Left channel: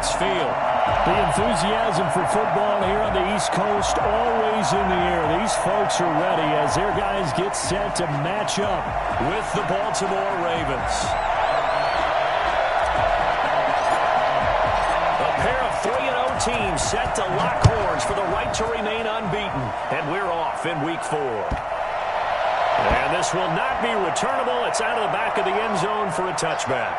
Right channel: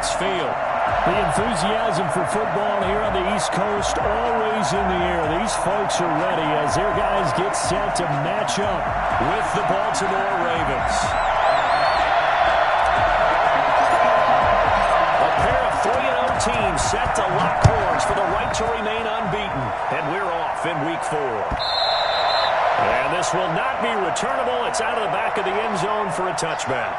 FedEx Field. The enthusiasm for football here on the East Coast always in the air. These folks are ready as their guys get set to match up with the Baltimore Ravens. A pair of 3-0 teams set to lock horns for the right to remain unbeaten. And we're off in Week 4. And this will not be returnable. It's out of the back of the end zone for a touchback.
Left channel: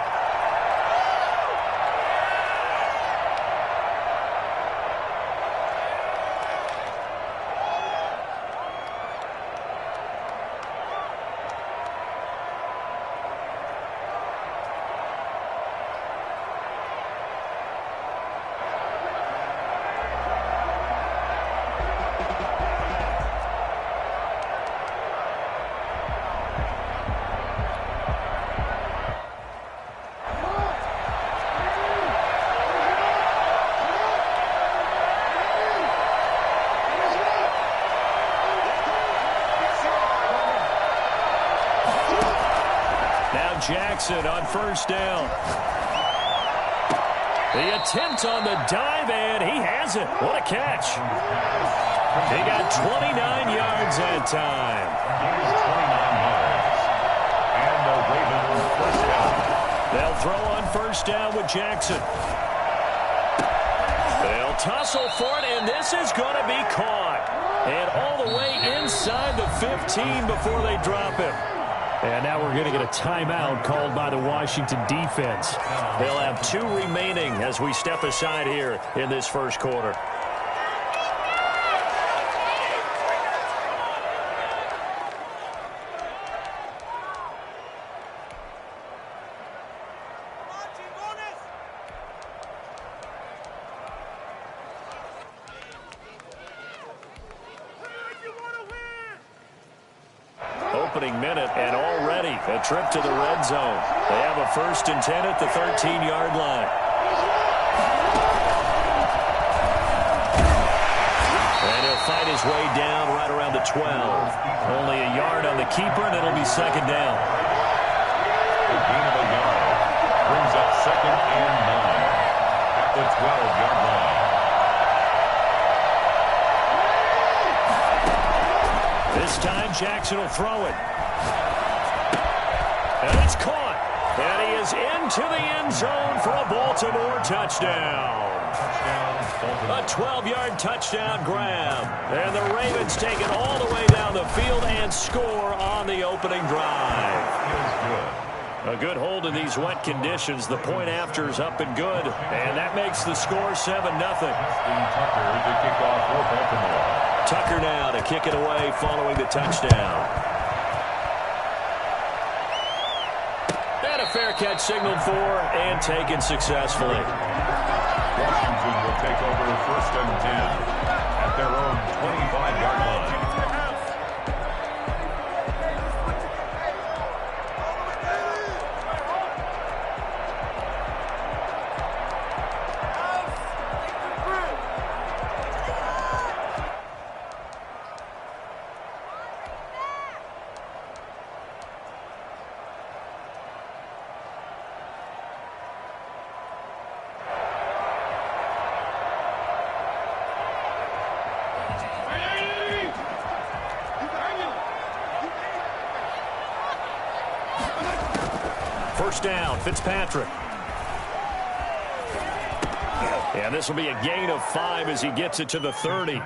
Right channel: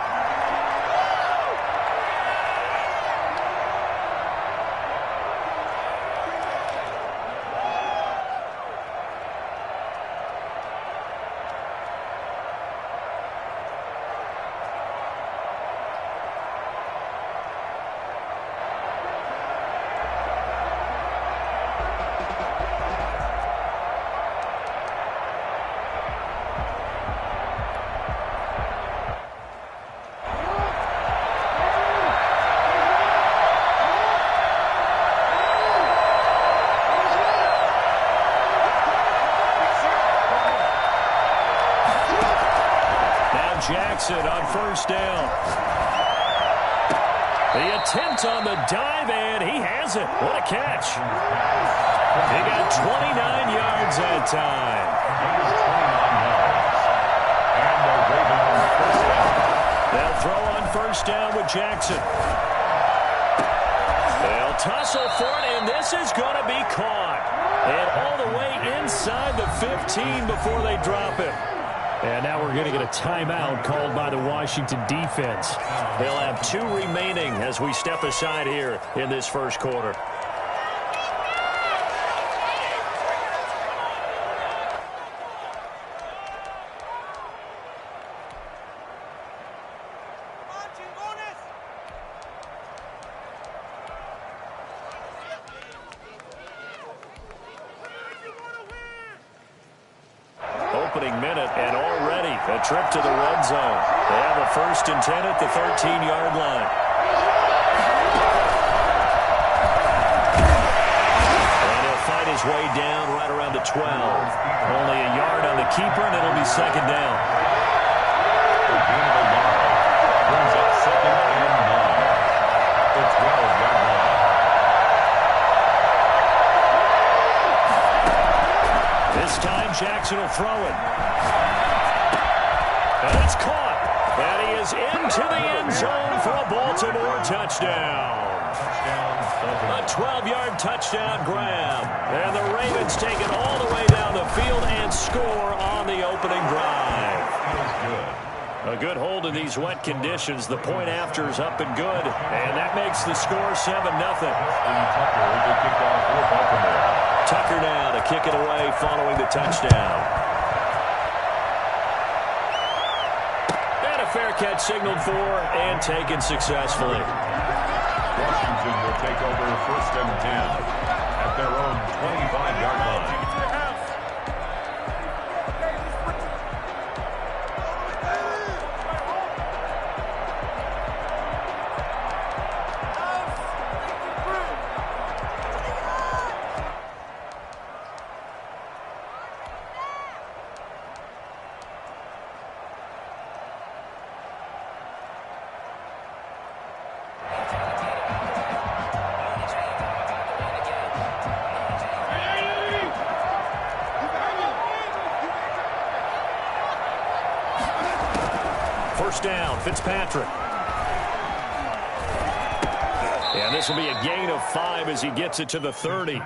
Jackson on first down. The attempt on the dive, and he has it. What a catch. He got 29 yards that time. 29 yards. And the Ravens first down. They'll throw on first down with Jackson. They'll tussle for it, and this is going to be caught. And all the way inside the 15 before they drop him. And now we're going to get a timeout called by the Washington defense. They'll have 2 remaining as we step aside here in this first quarter. Opening minute, and already a trip to the red zone. They have a 1st and 10 at the 13-yard line. And he'll fight his way down right around the 12. Only a yard on the keeper, and it'll be 2nd down. A gain of a yard brings up 2nd and 9 at the 12-yard line. This time, Jackson will throw it. And it's caught. And he is into the end zone for a Baltimore touchdown. A 12-yard touchdown grab. And the Ravens take it all the way down the field and score on the opening drive. A good hold in these wet conditions. The point after is up and good. And that makes the score 7-0. Tucker to kick off for Baltimore. Tucker now to kick it away following the touchdown. And a fair catch signaled for and taken successfully. Washington will take over 1st and 10 at their own 25-yard line. First down, Fitzpatrick. And this will be a gain of 5 as he gets it to the 30.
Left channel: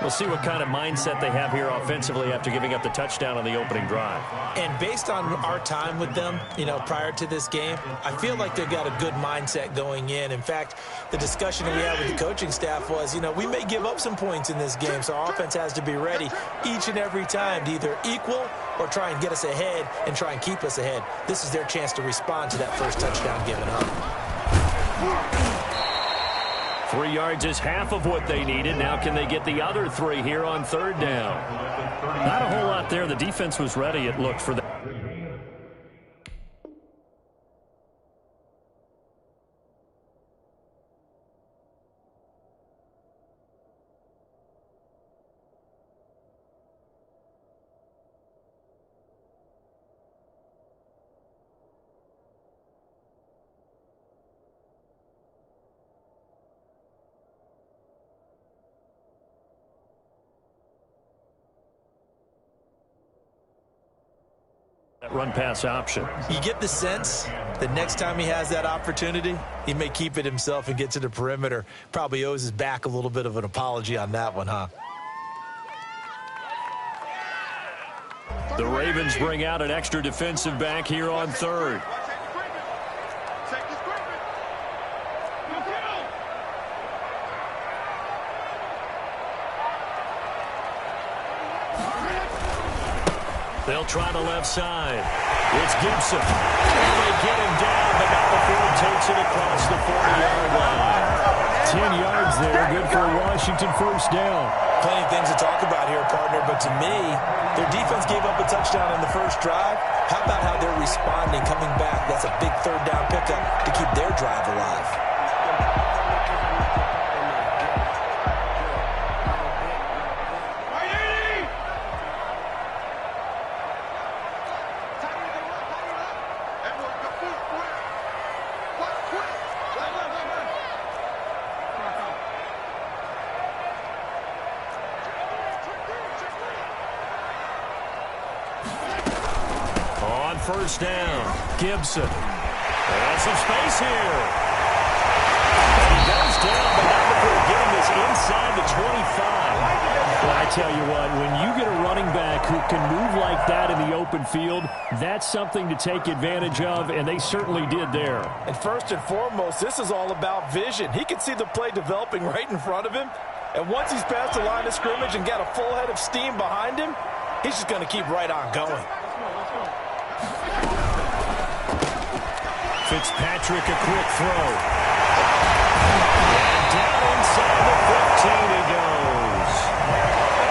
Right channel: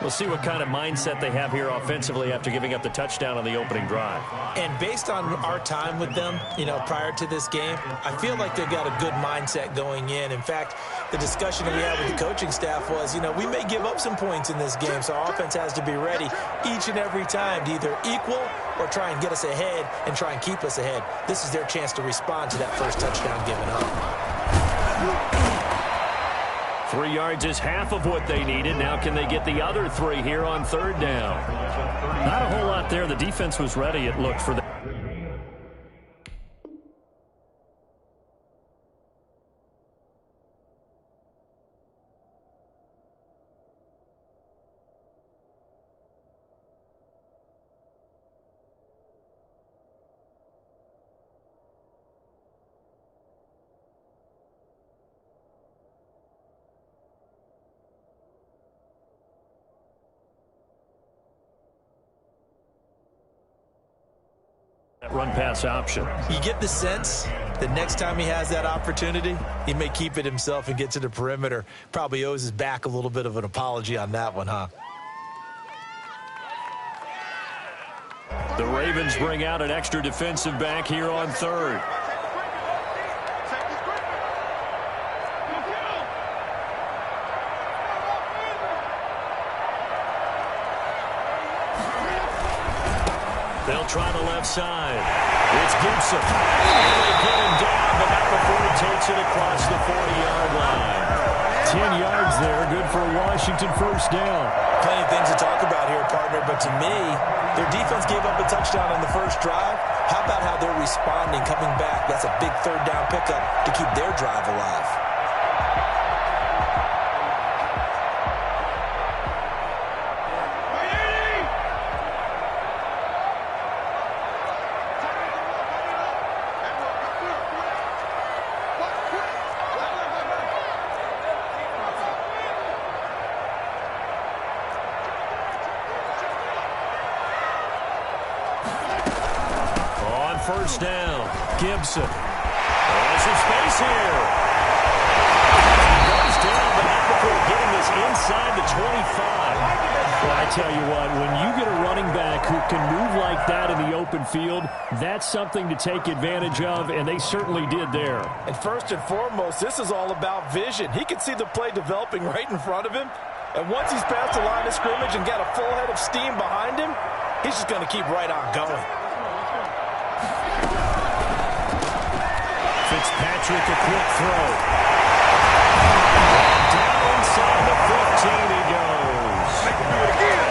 We'll see what kind of mindset they have here offensively after giving up the touchdown on the opening drive. And based on our time with them, prior to this game, I feel like they've got a good mindset going in. In fact, the discussion that we had with the coaching staff was, we may give up some points in this game, so our offense has to be ready each and every time to either equal or try and get us ahead and try and keep us ahead. This is their chance to respond to that first touchdown given up. 3 yards is half of what they needed. Now can they get the other 3 here on 3rd down? Not a whole lot there. The defense was ready, it looked, for that. Run pass option. You get the sense that next time he has that opportunity, he may keep it himself and get to the perimeter. Probably owes his back a little bit of an apology on that one, huh? The Ravens bring out an extra defensive back here on third. They'll try the left side. It's Gibson. And they get him down, but not before he takes it across the 40-yard line. 10 yards there, good for a Washington first down. Plenty of things to talk about here, partner, but to me, their defense gave up a touchdown on the first drive. How about how they're responding, coming back? That's a big third down pickup to keep their drive alive. First down, Gibson. There's some space here. And he goes down, but not before getting this inside the 25. Well, I tell you what, when you get a running back who can move like that in the open field, that's something to take advantage of, and they certainly did there. And first and foremost, this is all about vision. He can see the play developing right in front of him, and once he's past the line of scrimmage and got a full head of steam behind him, he's just going to keep right on going. Fitzpatrick, a quick throw. And down inside the 15 he goes.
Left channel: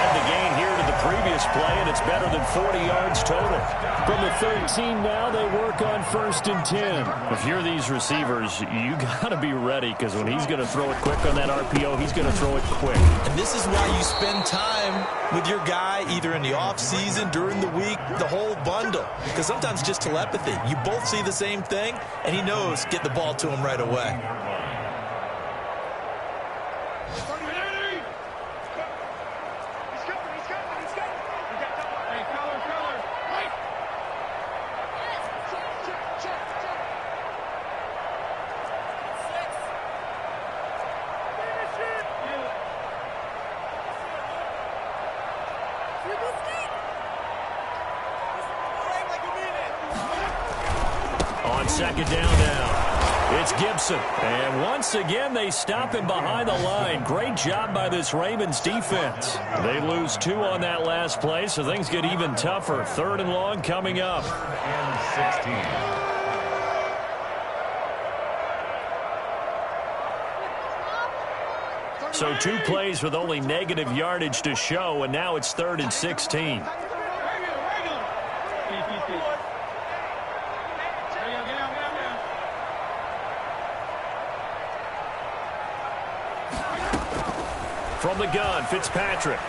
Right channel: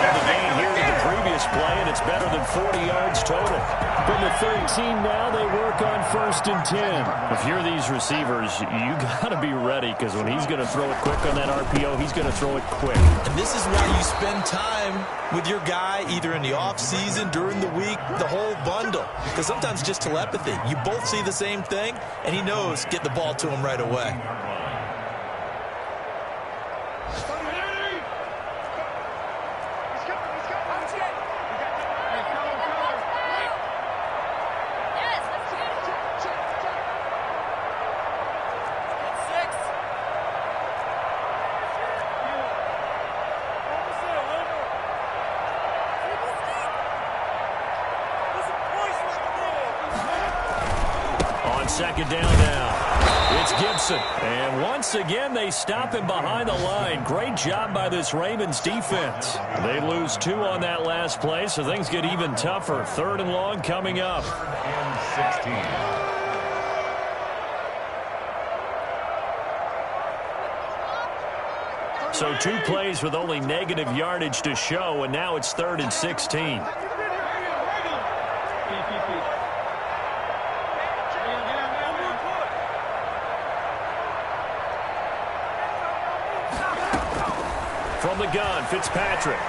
And the gain here to the previous play, and it's better than 40 yards total. From the 13 now, they work on 1st and 10. If you're these receivers, you got to be ready, because when he's going to throw it quick on that RPO, he's going to throw it quick. And this is why you spend time with your guy either in the offseason, during the week, the whole bundle. Because sometimes just telepathy. You both see the same thing, and he knows get the ball to him right away. Second down now. It's Gibson. And once again, they stop him behind the line. Great job by this Ravens defense. They lose 2 on that last play, so things get even tougher. 3rd and long coming up. 3rd and 16. So 2 plays with only negative yardage to show, and now it's 3rd and 16. From the gun, Fitzpatrick.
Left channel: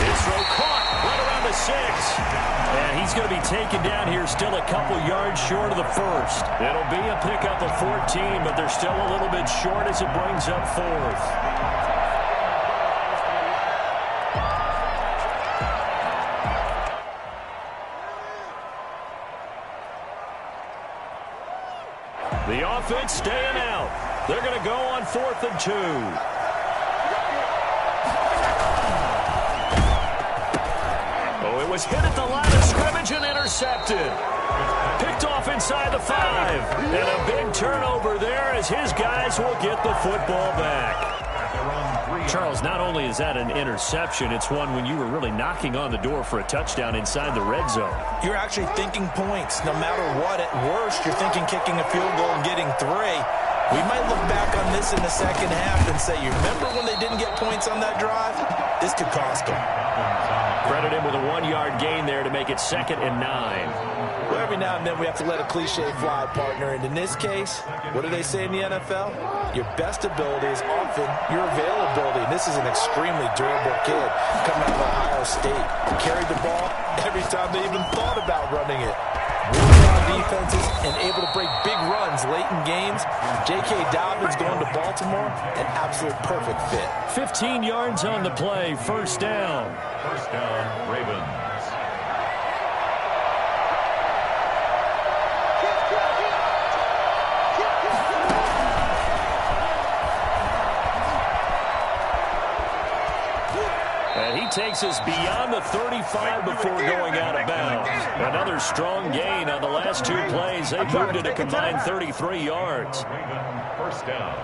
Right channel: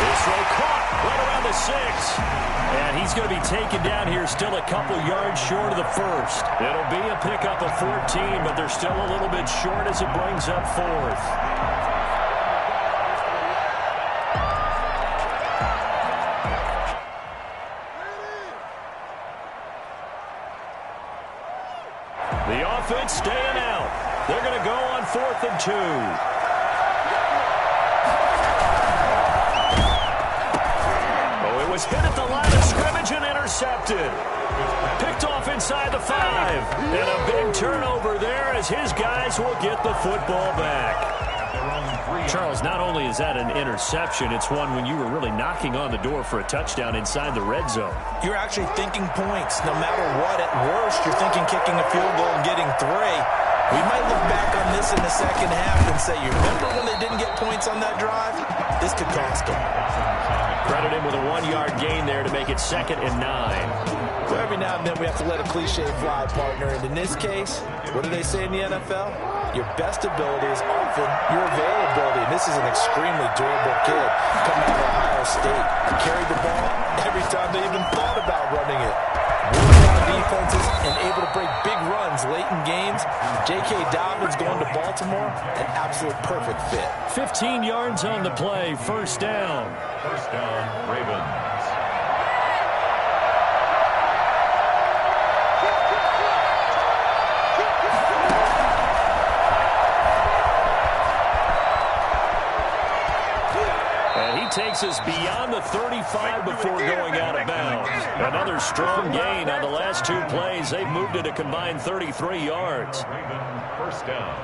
His throw caught right around the 6. And he's going to be taken down here, still a couple yards short of the first. It'll be a pickup of 14, but they're still a little bit short as it brings up 4th. The offense staying out. They're going to go on 4th and 2. Oh, it was hit at the line of scrimmage and intercepted. Picked off inside the 5. And a big turnover there as his guys will get the football back. Charles, not only is that an interception, it's one when you were really knocking on the door for a touchdown inside the red zone. You're actually thinking points. No matter what, at worst, you're thinking kicking a field goal and getting 3. We might look back on this in the second half and say, you remember when they didn't get points on that drive? This could cost them. Credit him with a 1-yard gain there to make it 2nd and 9. So every now and then we have to let a cliche fly, partner. And in this case, what do they say in the NFL? Your best ability is often your availability. And this is an extremely durable kid coming out of Ohio State. Carried the ball every time they even thought about running it. Defenses and able to break big runs late in games. J.K. Dobbins going to Baltimore, an absolute perfect fit. 15 yards on the play, 1st down. 1st down, Ravens. takes us beyond the 35 before going out of bounds. Another strong gain on the last two plays. They moved it a combined 33 yards. Raven, first down.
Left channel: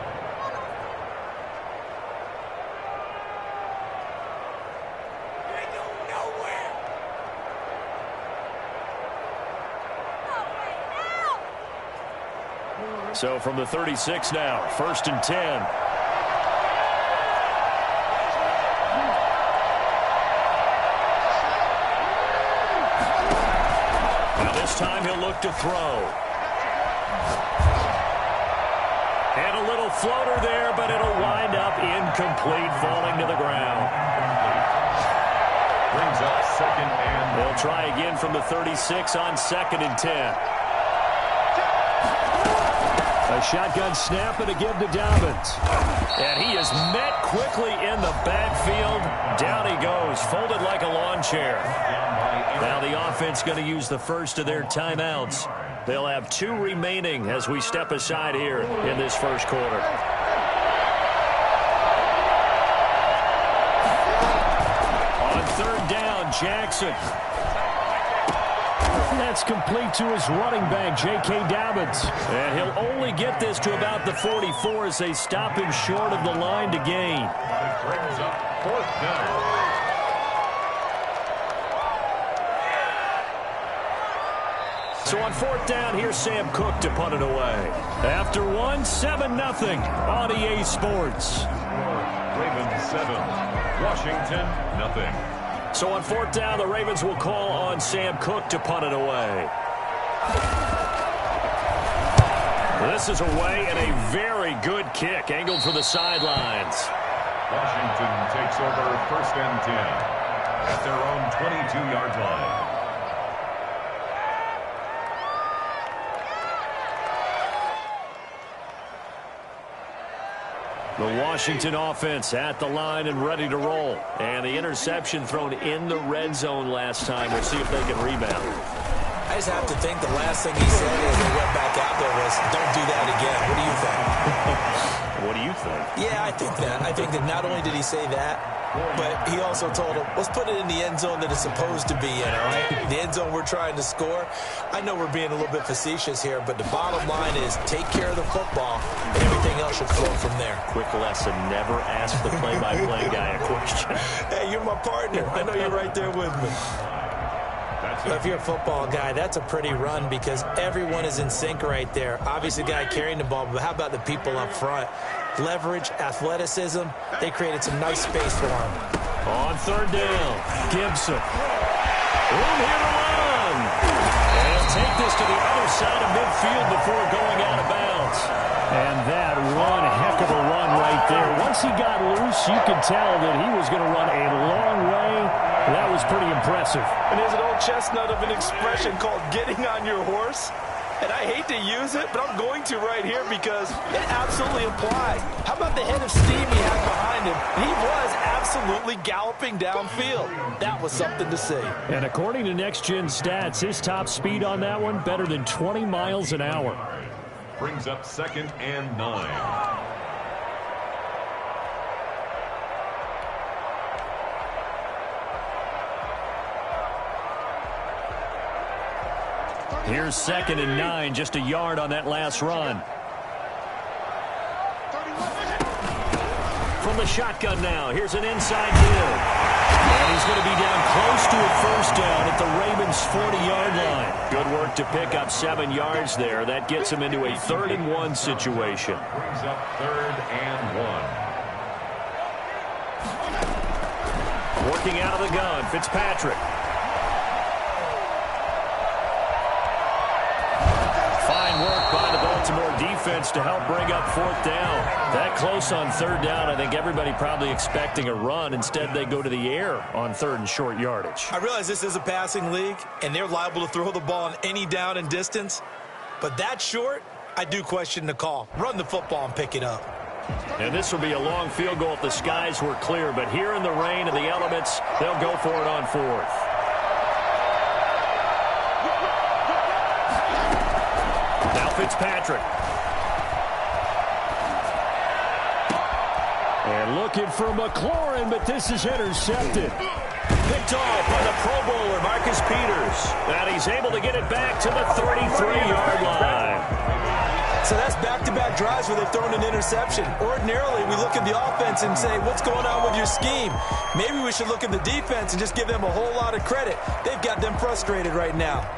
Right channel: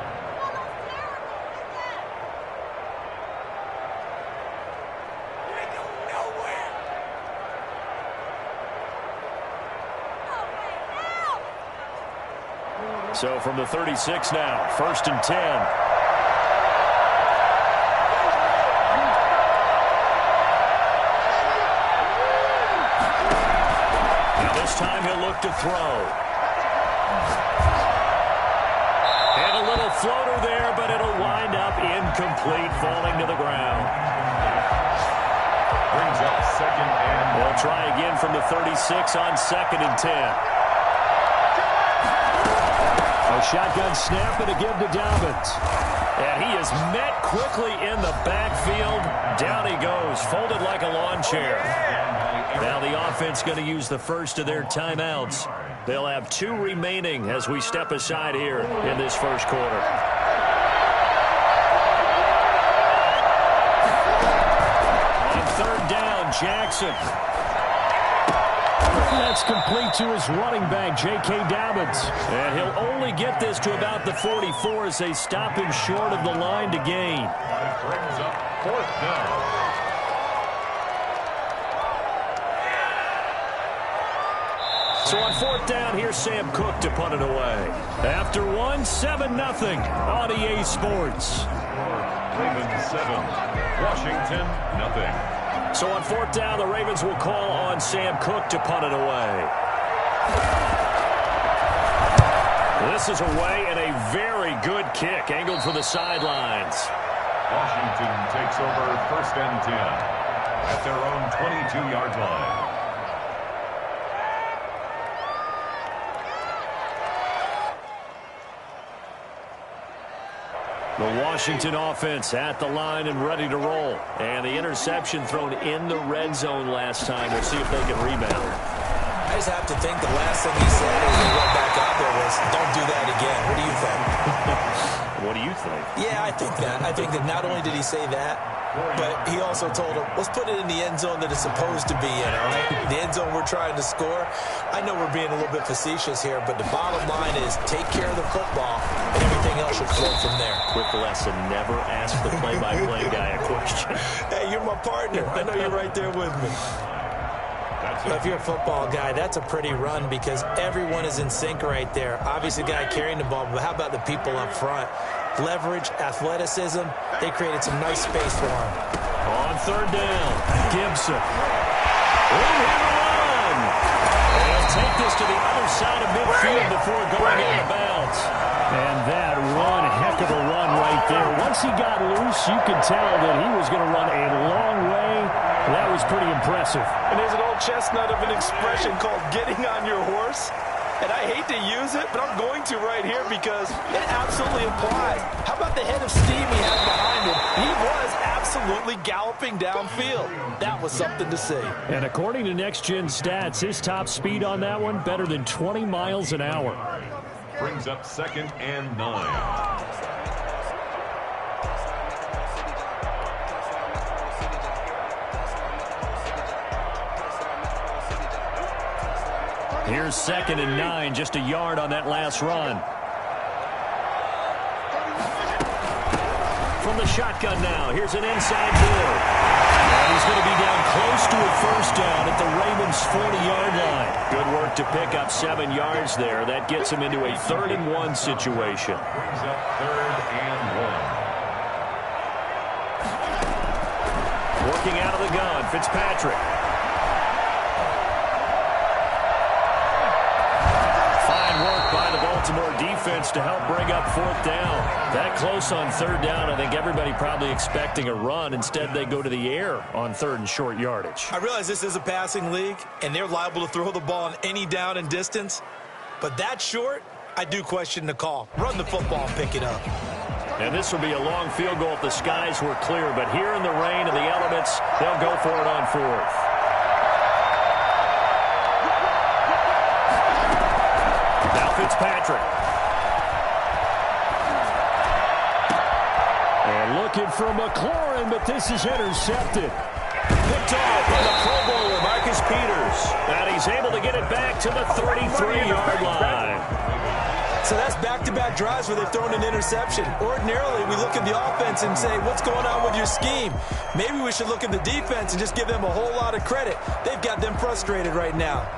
So from the 36 now, 1st and 10. Now this time he'll look to throw. And a little floater there, but it'll wind up incomplete, falling to the ground. Brings up 2nd and... They'll try again from the 36 on 2nd and 10. A shotgun snap and a give to Dobbins. And he is met quickly in the backfield. Down he goes, folded like a lawn chair. Now the offense going to use the first of their timeouts. They'll have 2 remaining as we step aside here in this first quarter. On 3rd down, Jackson. That's complete to his running back, J.K. Dobbins. And he'll only get this to about the 44 as they stop him short of the line to gain. Brings up 4th down. So on 4th down, here's Sam Cook to punt it away. After 1, 7-0 on EA Sports. Ravens 7, Washington nothing. So on 4th down, the Ravens will call on Sam Cook to punt it away. This is away and a very good kick, angled for the sidelines. Washington takes over 1st and 10 at their own 22-yard line. The Washington offense at the line and ready to roll. And the interception thrown in the red zone last time. We'll see if they can rebound. I just have to think the last thing he said as he went back out there was, don't do that again. What do you think? What do you think? Yeah, I think that. I think that not only did he say that, but he also told him, let's put it in the end zone that it's supposed to be in, all right? The end zone we're trying to score. I know we're being a little bit facetious here, but the bottom line is take care of the football, and everything else should flow from there. Quick lesson, never ask the play-by-play guy a question. Hey, you're my partner. I know you're right there with me. If you're a football guy, that's a pretty run because everyone is in sync right there. Obviously, the guy carrying the ball, but how about the people up front? Leverage, athleticism, they created some nice space for him. On 3rd down, Gibson. Room here to run. And he'll take this to the other side of midfield before going out of bounds. And that one heck of a run right there. Once he got loose, you could tell that he was going to run a long way. That was pretty impressive. And there's an old chestnut of an expression called getting on your horse. And I hate to use it, but I'm going to right here because it absolutely applies. How about the head of steam he had behind him? He was absolutely galloping downfield. That was something to see. And according to Next Gen Stats, his top speed on that one, better than 20 miles an hour. Brings up 2nd and 9. Here's 2nd and 9, just a yard on that last run. From the shotgun now, here's an inside give. And he's going to be down close to a 1st down at the Ravens' 40-yard line. Good work to pick up 7 yards there. That gets him into a 3rd and 1 situation. Brings up 3rd and 1. Working out of the gun, Fitzpatrick. Fine work by the Baltimore defense to help bring up 4th down. That close on 3rd down, I think everybody probably expecting a run. Instead, they go to the air on 3rd and short yardage. I realize this is a passing league, and they're liable to throw the ball on any down and distance. But that short, I do question the call. Run the football and pick it up. And this will be a long field goal if the skies were clear. But here in the rain and the elements, they'll go for it on 4th. Now Fitzpatrick. And looking for McLaurin, but this is intercepted. Picked off by the Pro Bowler, Marcus Peters. And he's able to get it back to the 33-yard line. So that's back-to-back drives where they've thrown an interception. Ordinarily, we look at the offense and say, what's going on with your scheme? Maybe we should look at the defense and just give them a whole lot of credit. They've got them frustrated right now.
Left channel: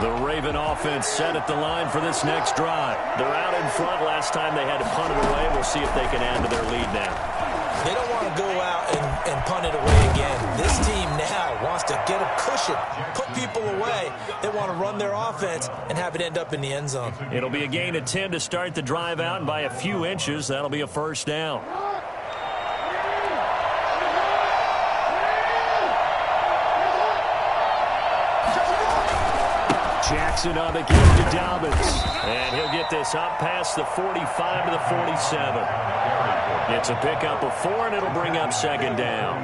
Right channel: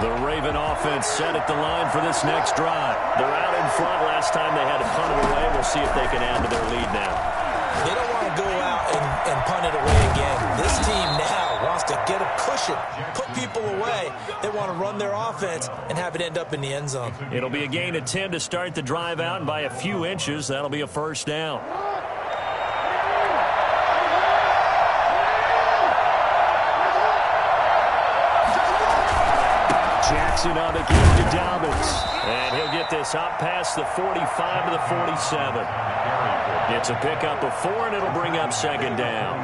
The Raven offense set at the line for this next drive. They're out in front. Last time they had to punt it away. We'll see if they can add to their lead now. They don't want to go out and punt it away again. This team now wants to get a cushion, put people away. They want to run their offense and have it end up in the end zone. It'll be a gain of 10 to start the drive out, and by a few inches, that'll be a first down. Jackson on the give to Dobbins. And he'll get this up past the 45 to the 47. It's a pickup of 4, and it'll bring up second down.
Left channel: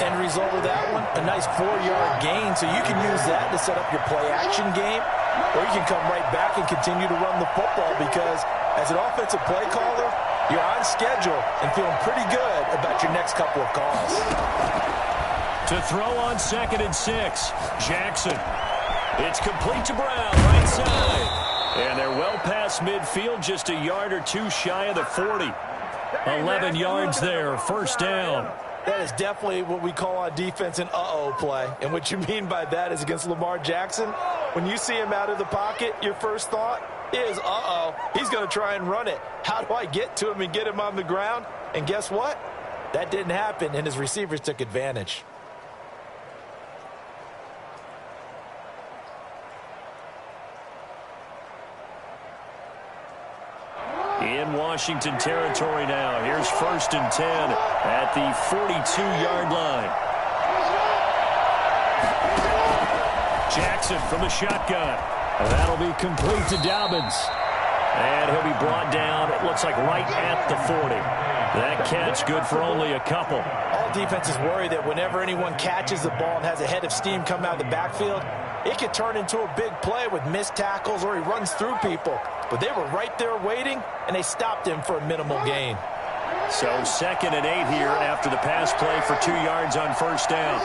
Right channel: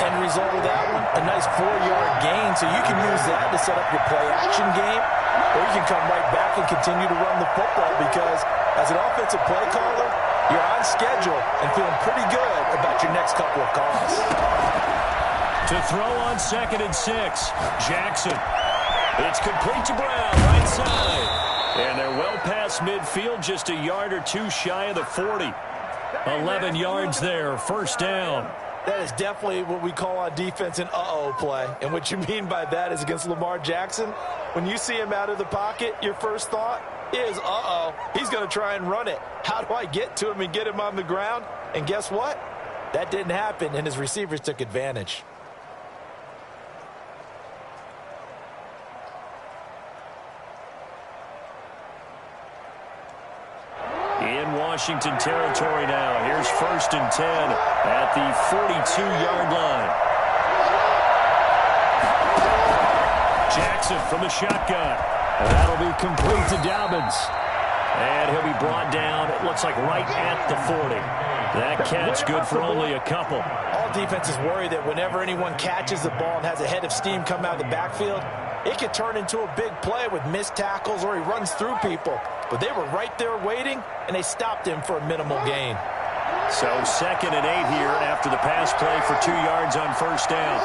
End result of that one, a nice 4-yard gain. So you can use that to set up your play-action game, or you can come right back and continue to run the football because as an offensive play caller, you're on schedule and feeling pretty good about your next couple of calls. To throw on 2nd and 6, Jackson. It's complete to Brown, right side. And they're well past midfield, just a yard or two shy of the 40. 11 yards there, first down. That is definitely what we call on defense an uh-oh play. And what you mean by that is against Lamar Jackson, when you see him out of the pocket, your first thought is, uh-oh, he's going to try and run it. How do I get to him and get him on the ground? And guess what? That didn't happen, and his receivers took advantage. In Washington territory now. Here's 1st and 10 at the 42-yard line. Jackson from the shotgun. And that'll be complete to Dobbins. And he'll be brought down, it looks like right at the 40. That catch good for only a couple. All defenses worry that whenever anyone catches the ball and has a head of steam come out of the backfield, it could turn into a big play with missed tackles or he runs through people. But they were right there waiting, and they stopped him for a minimal gain. So 2nd and 8 here after the pass play for 2 yards on first down.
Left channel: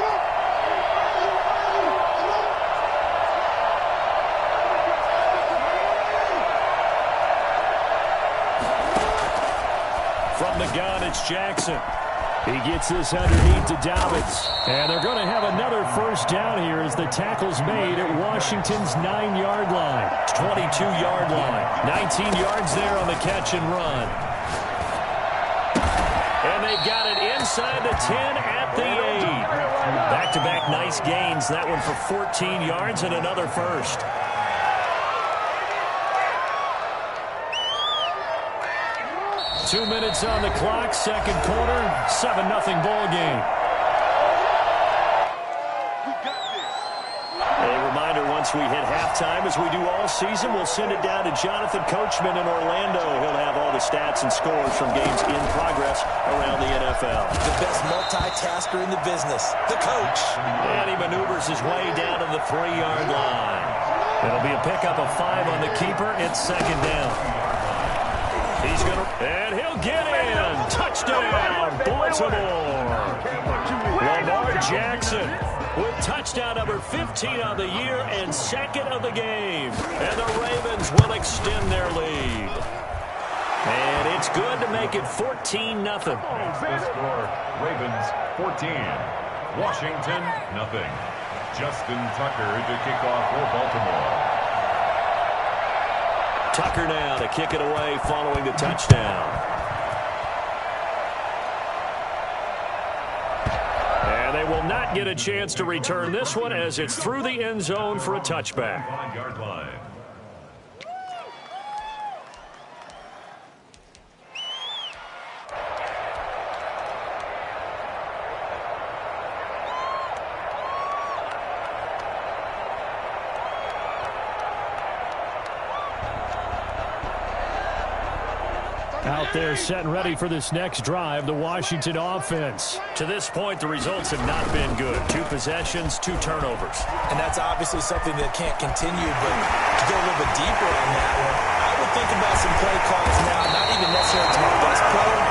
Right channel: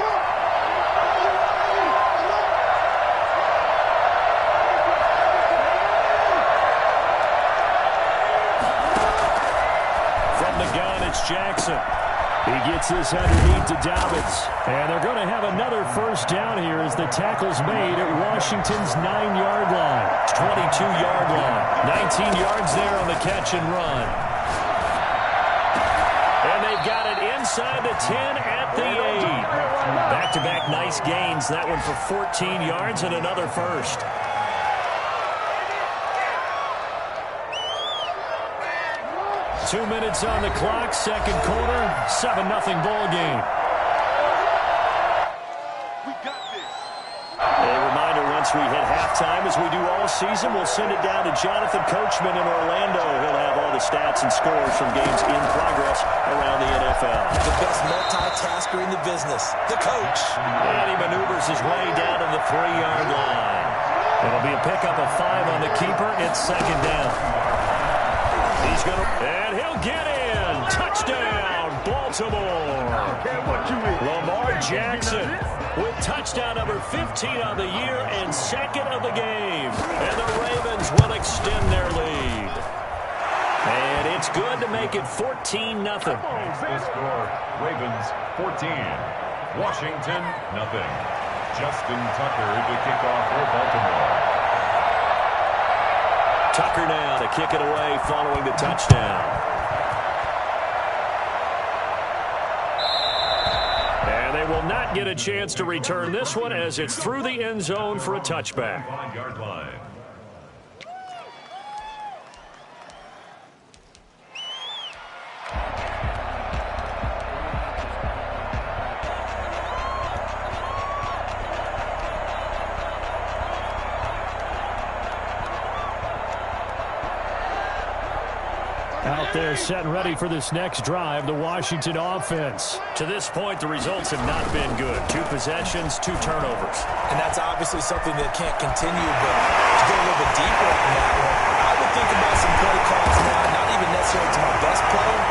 From the gun, it's Jackson. He gets this underneath to Dobbins. And they're going to have another first down here as the tackle's made at Washington's 9-yard line. 22-yard line. 19 yards there on the catch and run. And they've got it inside the 10 at the 8. Back-to-back nice gains. That one for 14 yards and another first. Two minutes on the clock, second quarter, 7-0 ball game. A reminder, once we hit halftime, as we do all season, we'll send it down to Jonathan Coachman in Orlando. He'll have all the stats and scores from games in progress around the NFL. The best multitasker in the business, the coach. And he maneuvers his way down to the 3-yard line. It'll be a pickup of 5 on the keeper. It's second down. He's going to, and he'll get in. Touchdown, Baltimore. Lamar Jackson with touchdown number 15 on the year and 2nd of the game. And the Ravens will extend their lead. And it's good to make it 14-0. The score, Ravens 14, Washington nothing. Justin Tucker to kick off for Baltimore. Tucker now to kick it away following the touchdown. And they will not get a chance to return this one as it's through the end zone for a touchback. 5-yard line. Out there set and ready for this next drive, the Washington offense. To this point, the results have not been good. 2 possessions, 2 turnovers. And that's obviously something that can't continue, but to go a little bit deeper on that one, I would think about some play calls now, not even necessarily to my best player,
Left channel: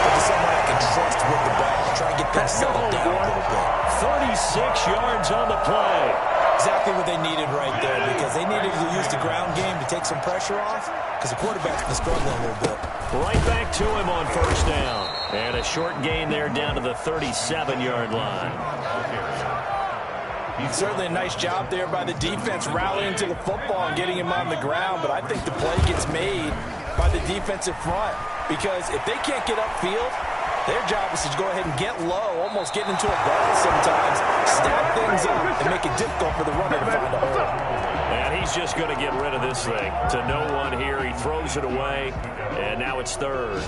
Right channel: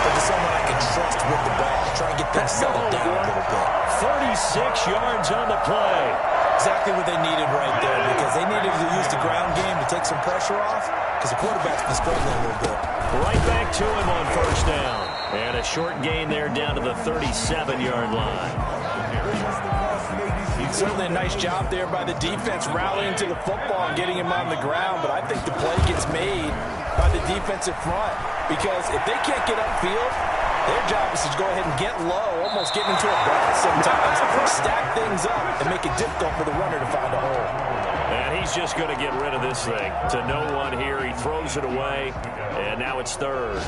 but to someone I can trust with the ball. Try and get things settled down a little bit. 36 yards on the play. Exactly what they needed right there, because they needed to use the ground game to take some pressure off, because the quarterback's been struggling a little bit. Right back to him on first down. And a short gain there down to the 37-yard line. Certainly a nice job there by the defense rallying to the football and getting him on the ground, but I think the play gets made by the defensive front, because if they can't get upfield, their job is to go ahead and get low, almost get into a ball sometimes, stack things up, and make it difficult for the runner to find a hole. And he's just going to get rid of this thing to no one here. He throws it away, and now it's third.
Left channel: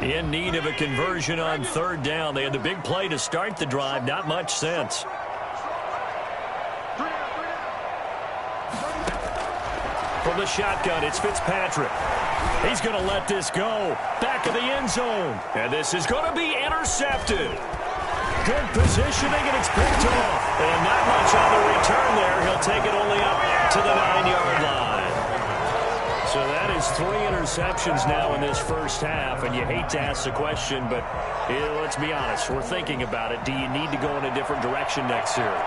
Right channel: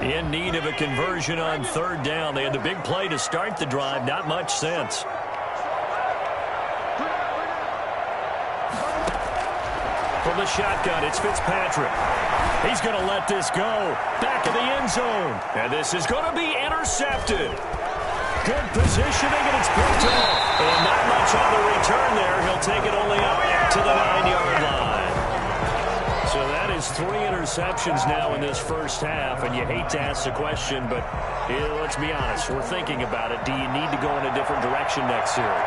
In need of a conversion on third down. They had the big play to start the drive. Not much sense. From the shotgun, it's Fitzpatrick. He's going to let this go. Back of the end zone. And this is going to be intercepted. Good positioning, and it's picked off. And not much on the return there. He'll take it only up to the 9-yard line. So that is 3 interceptions now in this first half, and you hate to ask the question, but let's be honest, we're thinking about it. Do you need to go in a different direction next series?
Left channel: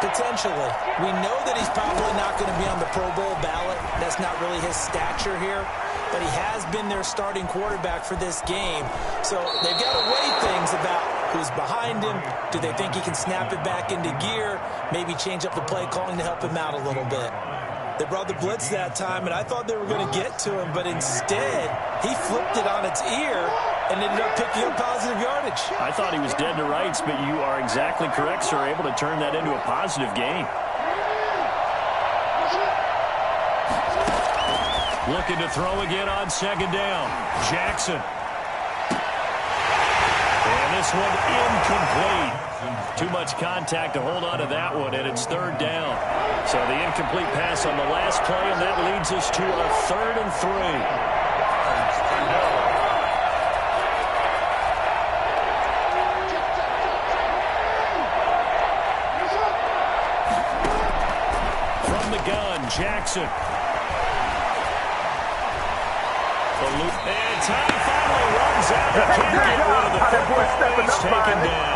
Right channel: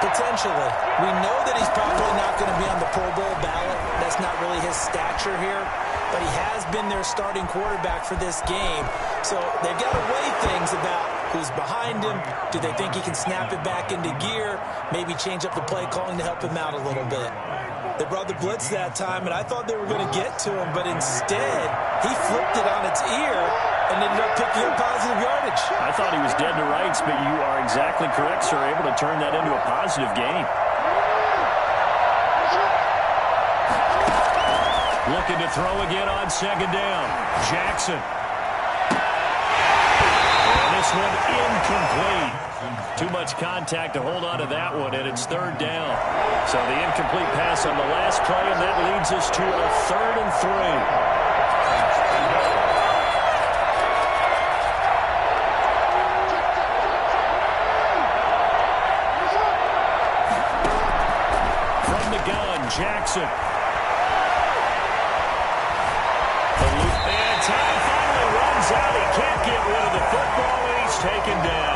Potentially. We know that he's probably not going to be on the Pro Bowl ballot. That's not really his stature here, but he has been their starting quarterback for this game. So they've got to weigh things about who's behind him. Do they think he can snap it back into gear? Maybe change up the play calling to help him out a little bit. They brought the blitz that time, and I thought they were going to get to him, but instead, he flipped it on its ear and ended up picking up positive yardage. I thought he was dead to rights, but you are exactly correct, sir, able to turn that into a positive gain. Looking to throw again on second down. Jackson. And this one incomplete. Too much contact to hold on to that one, and it's third down. So the incomplete pass on the last play, and that leads us to a 3rd and 3. From the gun, Jackson. And time finally runs out. He can't get rid of the football, and he's taken down.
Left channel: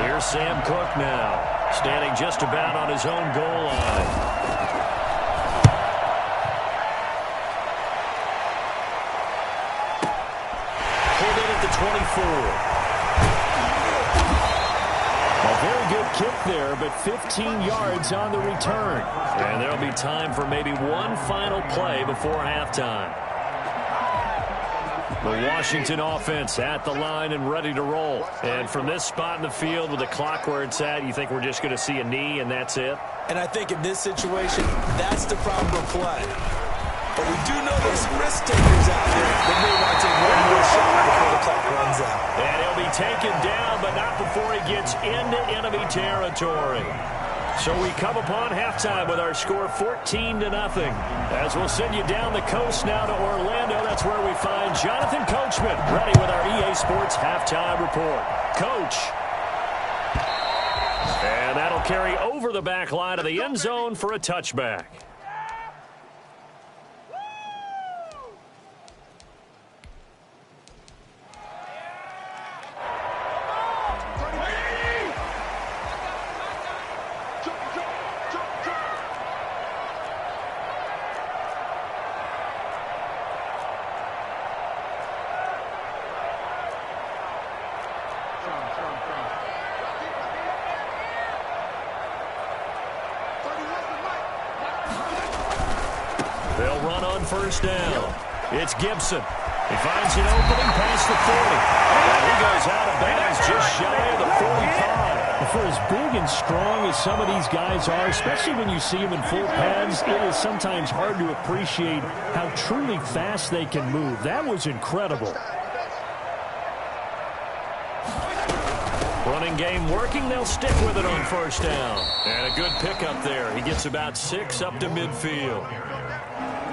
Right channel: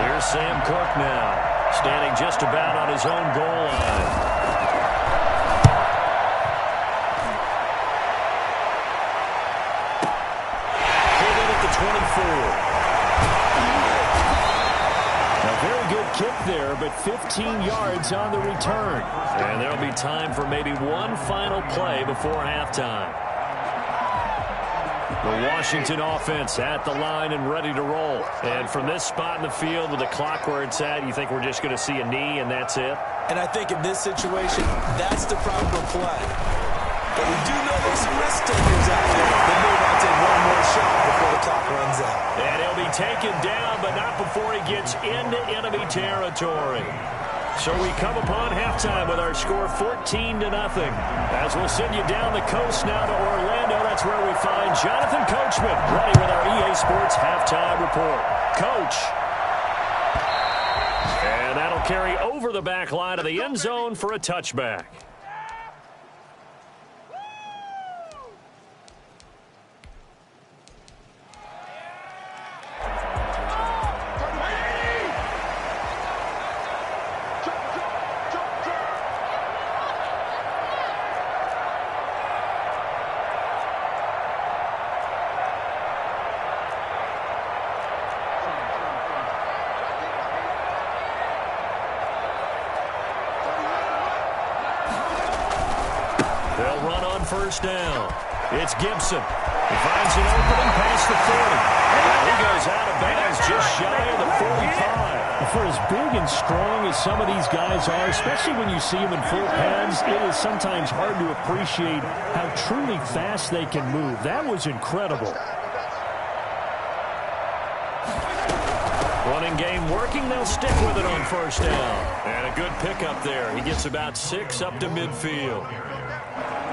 Here's Sam Cook now, standing just about on his own goal line. Pulled in at the 24. A very good kick there, but 15 yards on the return. And there'll be time for maybe one final play before halftime. The Washington offense at the line and ready to roll. And from this spot in the field with the clock where it's at, you think we're just going to see a knee and that's it? And I think in this situation, that's the proper play. But we do know there's some risk takers out there that may want to take one more shot before the clock runs out. And he'll be taken down, but not before he gets into enemy territory. So we come upon halftime with our score 14-0. As we'll send you down the coast now to Orlando, that's where we find Jonathan Coachman ready with our EA Sports halftime report. Coach. And that'll carry over the back line of the end zone for a touchback. They'll run on first down. It's Gibson. He finds an opening past the 40. And he goes out of bounds just shy of the 45. For as big and strong as some of these guys are, especially when you see them in full pads, it is sometimes hard to appreciate how truly fast they can move. That was incredible. Running game working. They'll stick with it on first down. And a good pickup there. He gets about 6 up to midfield.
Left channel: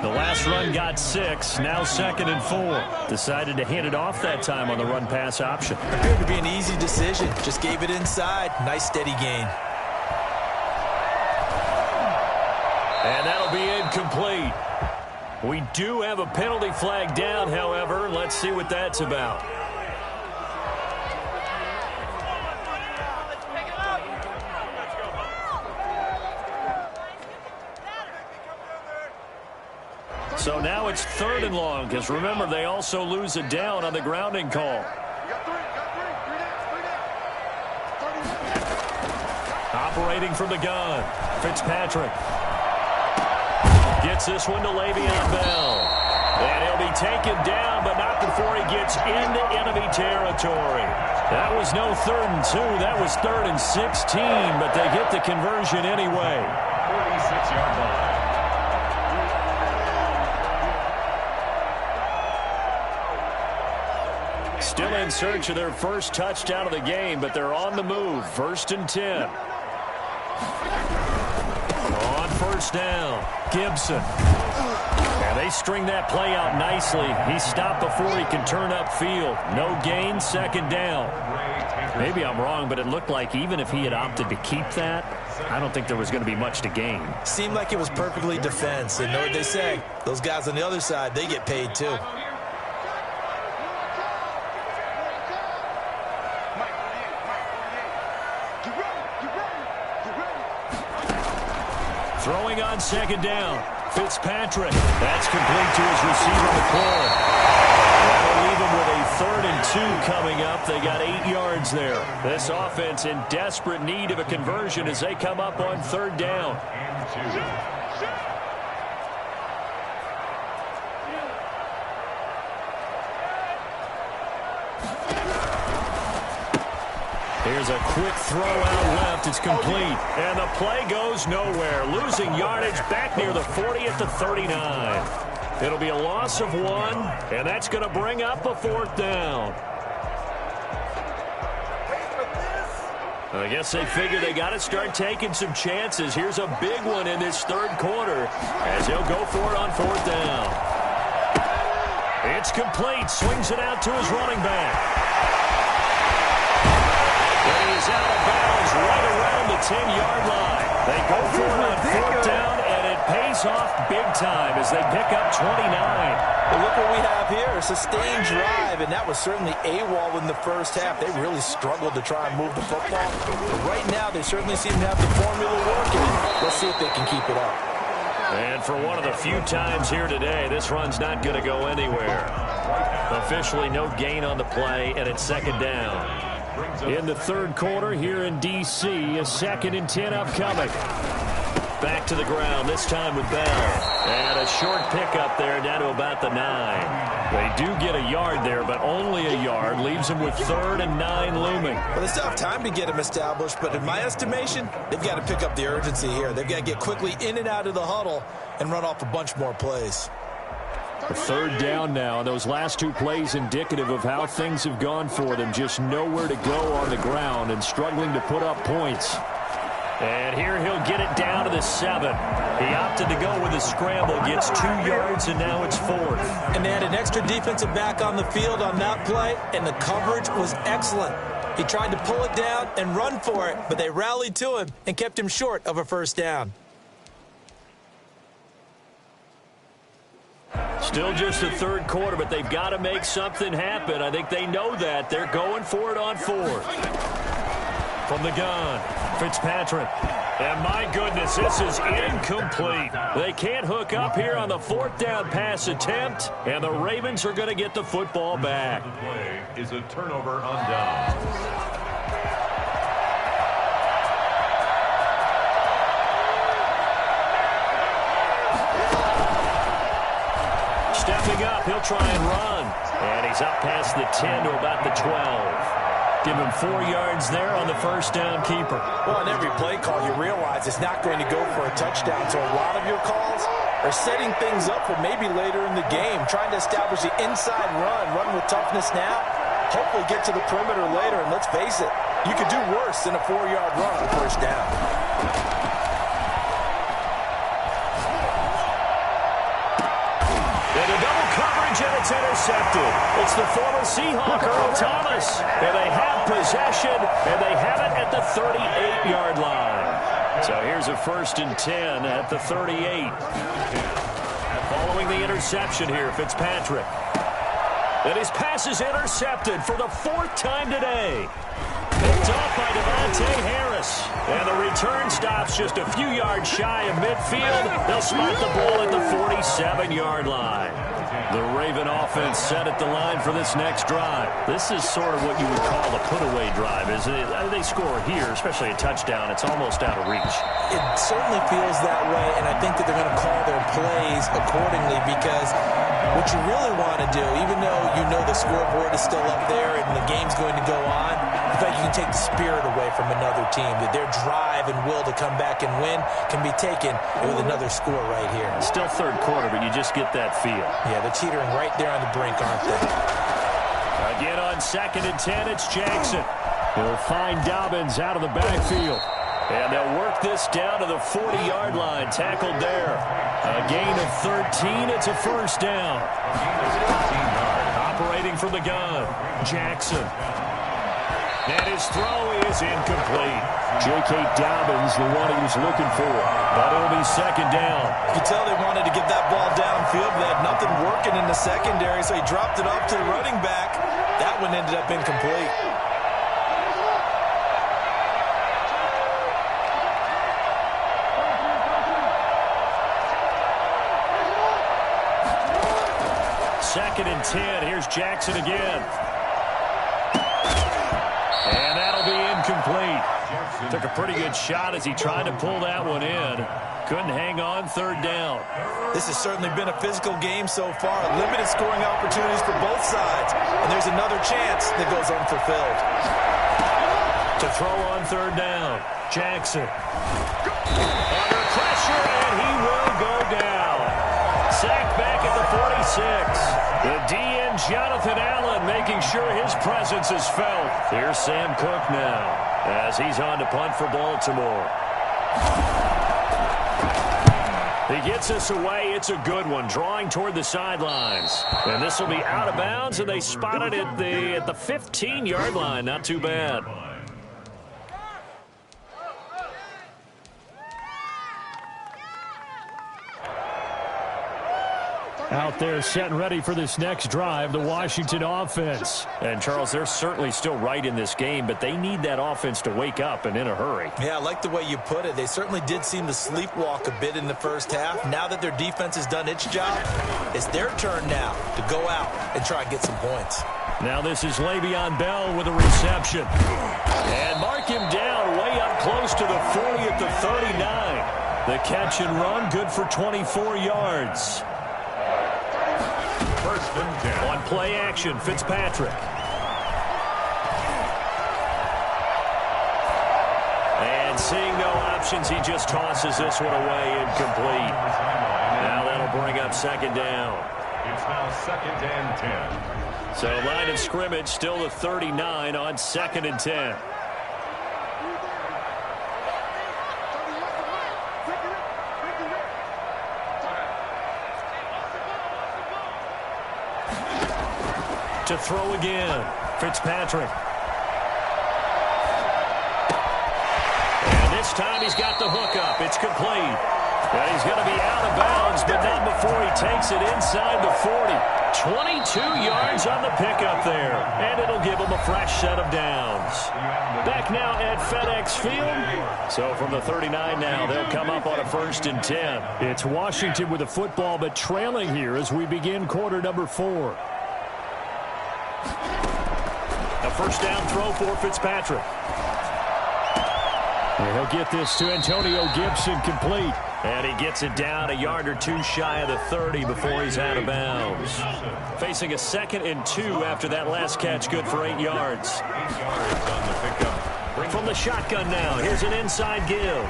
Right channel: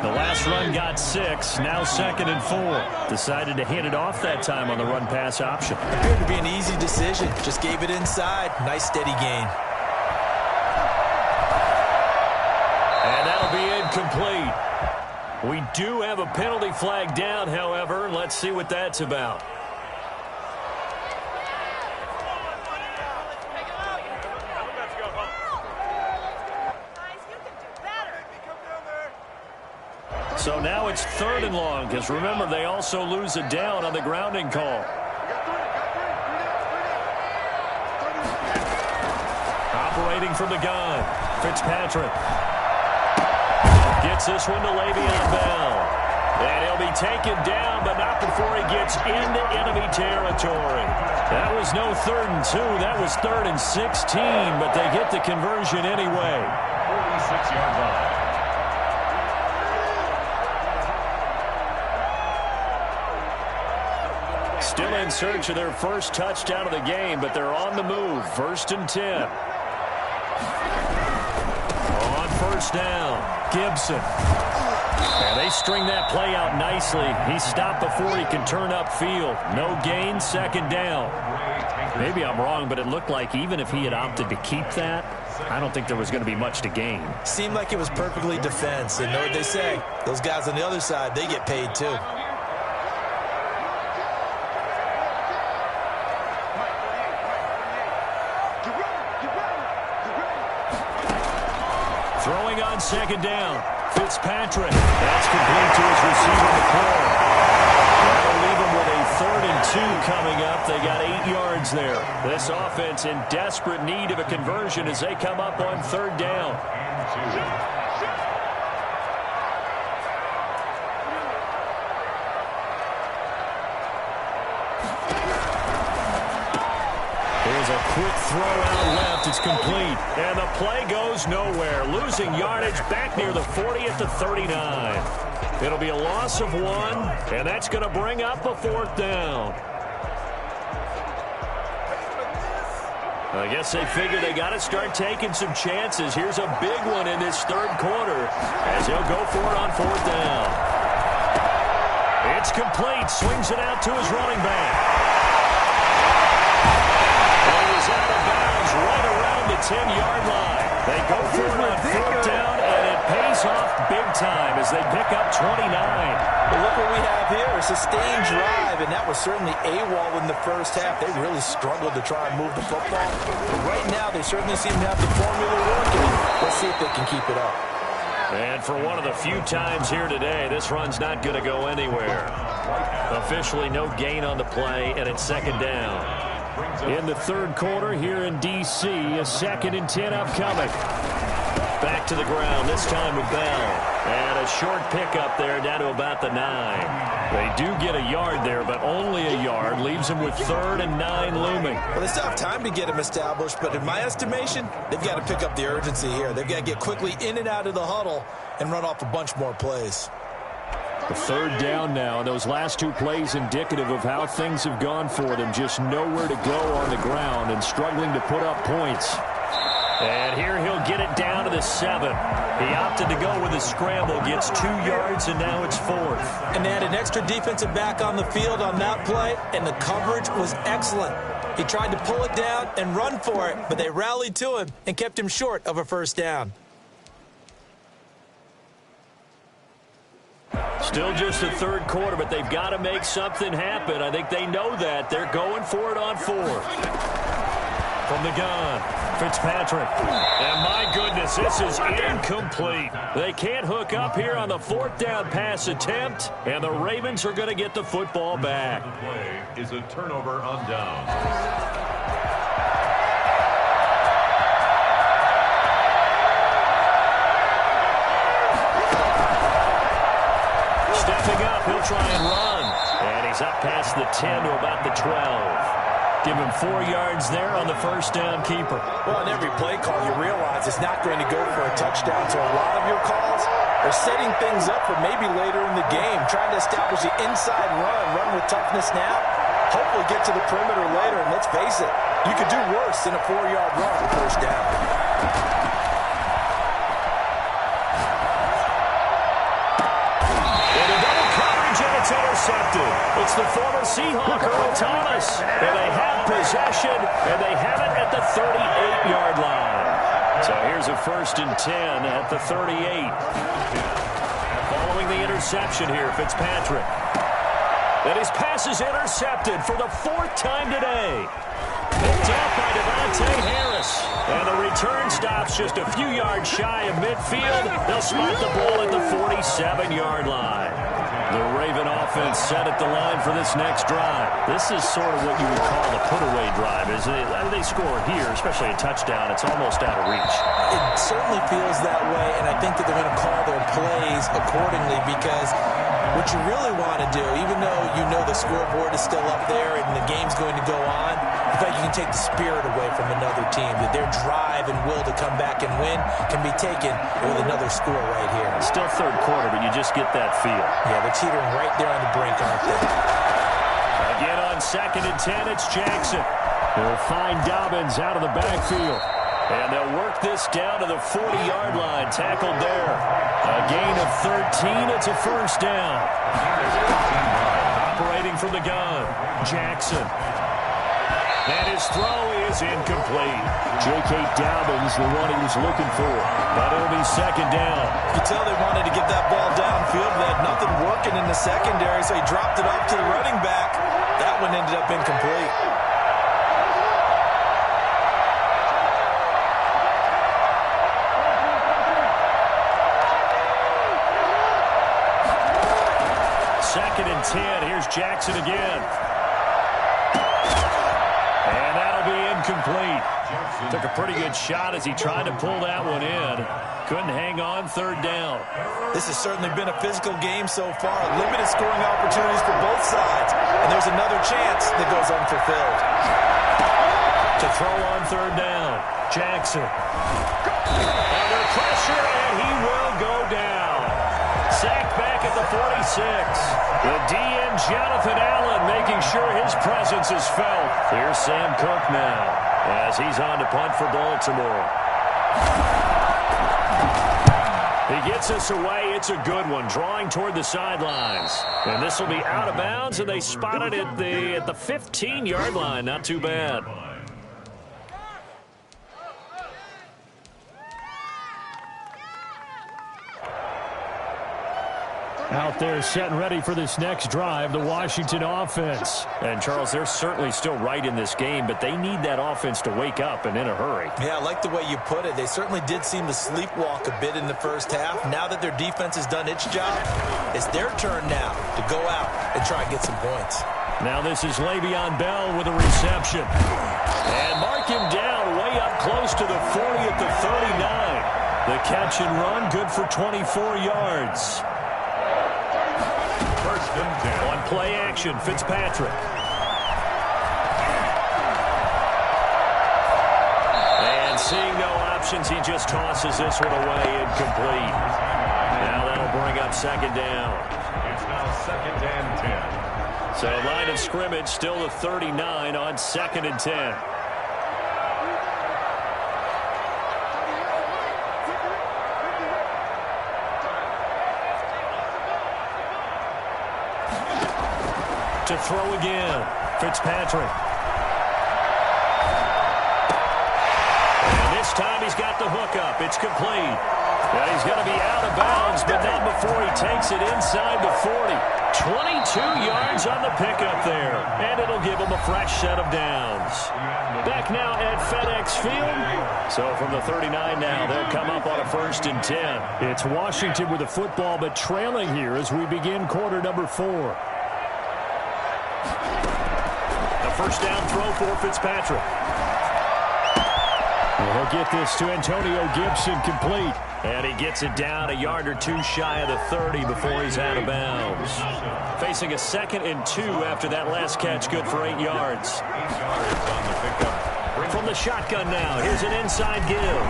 The last run got 6, now 2nd and 4. Decided to hand it off that time on the run-pass option. Appeared to be an easy decision. Just gave it inside. Nice steady gain. And that'll be incomplete. We do have a penalty flag down, however. Let's see what that's about. So now it's 3rd and long, because remember, they also lose a down on the grounding call. Operating from the gun, Fitzpatrick. Gets this one to Le'Veon Bell. And he'll be taken down, but not before he gets into enemy territory. That was no 3rd and 2. That was 3rd and 16, but they get the conversion anyway. 46-yard line. Still in search of their first touchdown of the game, but they're on the move. 1st and 10. On 1st down, Gibson. And they string that play out nicely. He stopped before he can turn upfield. No gain, 2nd down. Maybe I'm wrong, but it looked like even if he had opted to keep that, I don't think there was going to be much to gain. Seemed like it was perfectly defense. And know what they say? Those guys on the other side, they get paid too. Throwing on 2nd down, Fitzpatrick. That's complete to his receiver, McLaurin. That'll leave him with a 3rd and 2 coming up. They got 8 yards there. This offense in desperate need of a conversion as they come up on 3rd down. And 2. Here's a quick throw out left. It's complete. And the play goes nowhere. Losing yardage back near the 40 at the 39. It'll be a loss of 1, and that's going to bring up a 4th down. I guess they figure they got to start taking some chances. Here's a big one in this 3rd quarter as he'll go for it on 4th down. It's complete. Swings it out to his running back. And he is out of bounds right around the 10-yard line. They go for it on 4th down, and it pays off big time as they pick up 29. But look what we have here, a sustained drive, and that was certainly AWOL in the first half. They really struggled to try and move the football. But right now, they certainly seem to have the formula working. Let's see if they can keep it up. And for one of the few times here today, this run's not going to go anywhere. Officially no gain on the play, and it's 2nd down. In the 3rd quarter here in D.C., a 2nd and 10 upcoming. Back to the ground, this time with Bell. And a short pickup there down to about the 9. They do get a yard there, but only a yard. Leaves them with 3rd and 9 looming. Well, they still have time to get him established, but in my estimation, they've got to pick up the urgency here. They've got to get quickly in and out of the huddle and run off a bunch more plays. A 3rd down now, and those last 2 plays indicative of how things have gone for them. Just nowhere to go on the ground and struggling to put up points. And here he'll get it down to the 7. He opted to go with a scramble, gets 2 yards, and now it's 4th. And they had an extra defensive back on the field on that play, and the coverage was excellent. He tried to pull it down and run for it, but they rallied to him and kept him short of a 1st down. Still just the 3rd quarter, but they've got to make something happen. I think they know that. They're going for it on 4th. From the gun, Fitzpatrick. And my goodness, this is incomplete. They can't hook up here on the 4th down pass attempt, and the Ravens are going to get the football back. The play is a turnover on downs. Stepping up, he'll try and run. And he's up past the 10 to about the 12. Give him 4 yards there on the 1st down keeper. Well, on every play call, you realize it's not going to go for a touchdown. So a lot of your calls are setting things up for maybe later in the game, trying to establish the inside run with toughness now, hopefully get to the perimeter later. And let's face it, you could do worse than a 4-yard run on 1st down. range, and it's intercepted. It's the former Seahawk, Earl Thomas. And they have possession, and they have it at the 38-yard line. So here's a 1st and 10 at the 38. Following the interception here, Fitzpatrick. And his pass is intercepted for the 4th time today. Picked off by Devontae Harris. And the return stops just a few yards shy of midfield. They'll spot the ball at the 47-yard line. The Raven offense set at the line for this next drive. This is sort of what you would call the put-away drive, isn't it? They score here, especially a touchdown. It's almost out of reach. It certainly feels that way, and I think that they're going to call their plays accordingly because what you really want to do, even though you know the scoreboard is still up there and the game's going to go on, in fact, you can take the spirit away from another team, that their drive and will to come back and win can be taken with another score right here. Still 3rd quarter, but you just get that feel. Yeah, they're teetering right there on the brink, aren't they? Again on 2nd and 10, it's Jackson. He'll find Dobbins out of the backfield. And they'll work this down to the 40-yard line, tackled there. A gain of 13, it's a 1st down. Operating from the gun, Jackson. And his throw is incomplete. J.K. Dobbins, the one he was looking for. But it'll be 2nd down. You could tell they wanted to get that ball downfield. They had nothing working in the secondary, so he dropped it off to the running back. That one ended up incomplete. Second and 10. Here's Jackson again. And that'll be incomplete. Took a pretty good shot as he tried to pull that one in. Couldn't hang on, 3rd down. This has certainly been a physical game so far. Limited scoring opportunities for both sides. And there's another chance that goes unfulfilled. To throw on 3rd down, Jackson. Under pressure, and he will go down. Sacked back at the 46. The DN, Jonathan Allen, making sure his presence is felt. Here's Sam Cook now as he's on to punt for Baltimore. He gets us away. It's a good one, drawing toward the sidelines. And this will be out of bounds, and they spot it at the 15-yard line. Not too bad. Out there set and ready for this next drive, the Washington offense. And, Charles, they're certainly still right in this game, but they need that offense to wake up and in a hurry. Yeah, I like the way you put it. They certainly did seem to sleepwalk a bit in the 1st half. Now that their defense has done its job, it's their turn now to go out and try and get some points. Now this is Le'Veon Bell with a reception. And mark him down way up close to the 40 at the 39. The catch and run, good for 24 yards. 1st and 10. On play action, Fitzpatrick. And seeing no options, he just tosses this one away incomplete. Now that'll bring up 2nd down. It's now 2nd and 10. So line of scrimmage, still the 39 on 2nd and 10. To throw again, Fitzpatrick. And this time he's got the hook up. It's complete. And he's going to be out of bounds, but not before he takes it inside the 40. 22 yards on the pickup there, and it'll give him a fresh set of downs. Back now at FedEx Field. So from the 39 now, they'll come up on a 1st and 10. It's Washington with the football, but trailing here as we begin quarter number 4. A 1st down throw for Fitzpatrick. And he'll get this to Antonio Gibson complete. And he gets it down a yard or two shy of the 30 before he's out of bounds. Facing a 2nd and 2 after that last catch, good for 8 yards. 8 yards on the pickup. From the shotgun now, here's an inside give.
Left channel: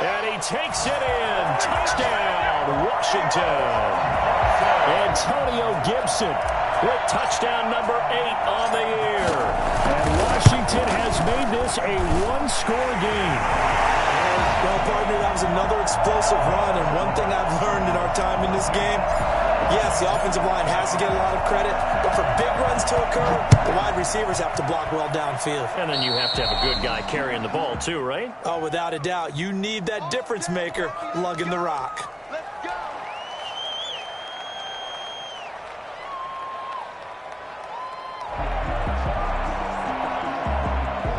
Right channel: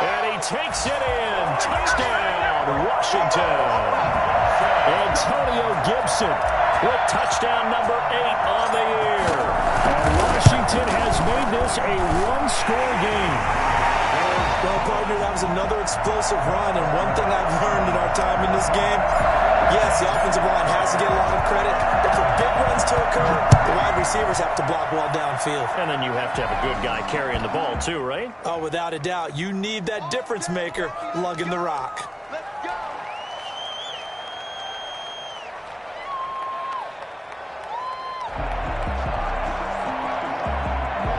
And he takes it in. Touchdown, Washington. Antonio Gibson with touchdown number 8 on the year. And Washington has made this a one-score game. Well, partner, that was another explosive run, and one thing I've learned in our time in this game, Yes, the offensive line has to get a lot of credit, but for big runs to occur, the wide receivers have to block well downfield. And then you have to have a good guy carrying the ball too, right? Oh, without a doubt. You need that difference maker lugging the rock.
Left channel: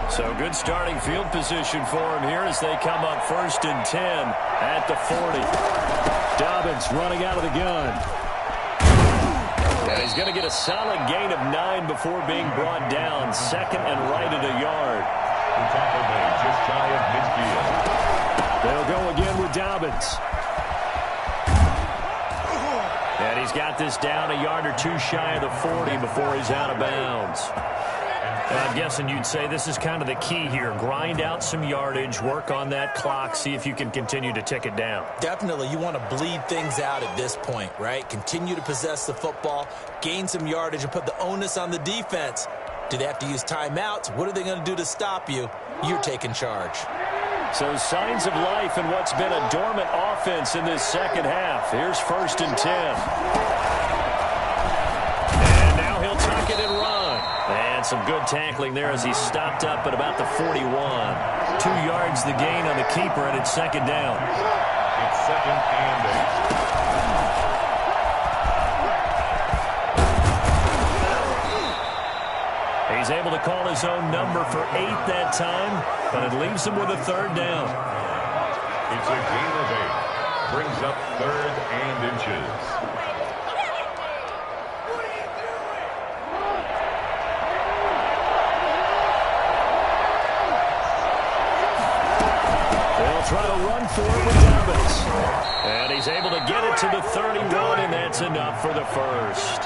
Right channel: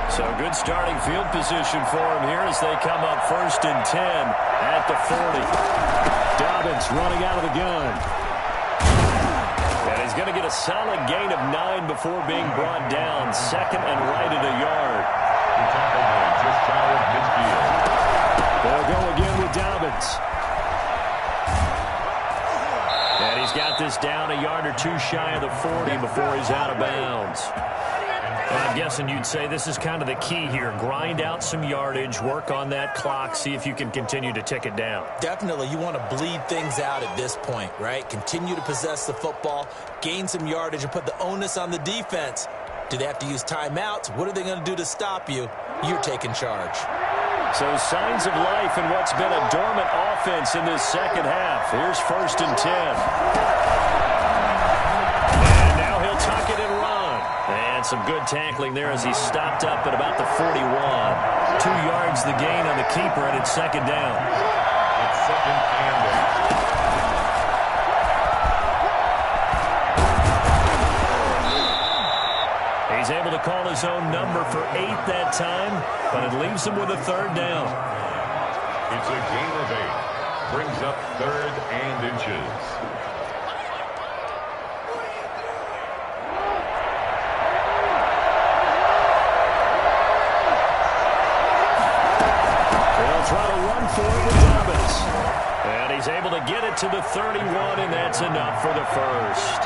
So good starting field position for him here as they come up 1st and 10 at the 40. Dobbins running out of the gun. And he's going to get a solid gain of 9 before being brought down. 2nd and right at a yard. The tackle made just shy of midfield. They'll go again with Dobbins. And he's got this down a yard or 2 shy of the 40 before he's out of bounds. And I'm guessing you'd say this is kind of the key here. Grind out some yardage, work on that clock, see if you can continue to tick it down. Definitely. You want to bleed things out at this point, right? Continue to possess the football, gain some yardage, and put the onus on the defense. Do they have to use timeouts? What are they going to do to stop you? You're taking charge. So signs of life in what's been a dormant offense in this second half. Here's 1st and 10. And now he'll tuck it and run. And some good tackling there as he stopped up at about the 41. 2 yards the gain on the keeper, and it's 2nd down. It's 2nd and 8. He's able to call his own number for 8 that time, but it leaves him with a 3rd down. It's a gain of 8. Brings up 3rd and inches. Try to run for it with Dobbins. And he's able to get it to the 31, and that's enough for the 1st.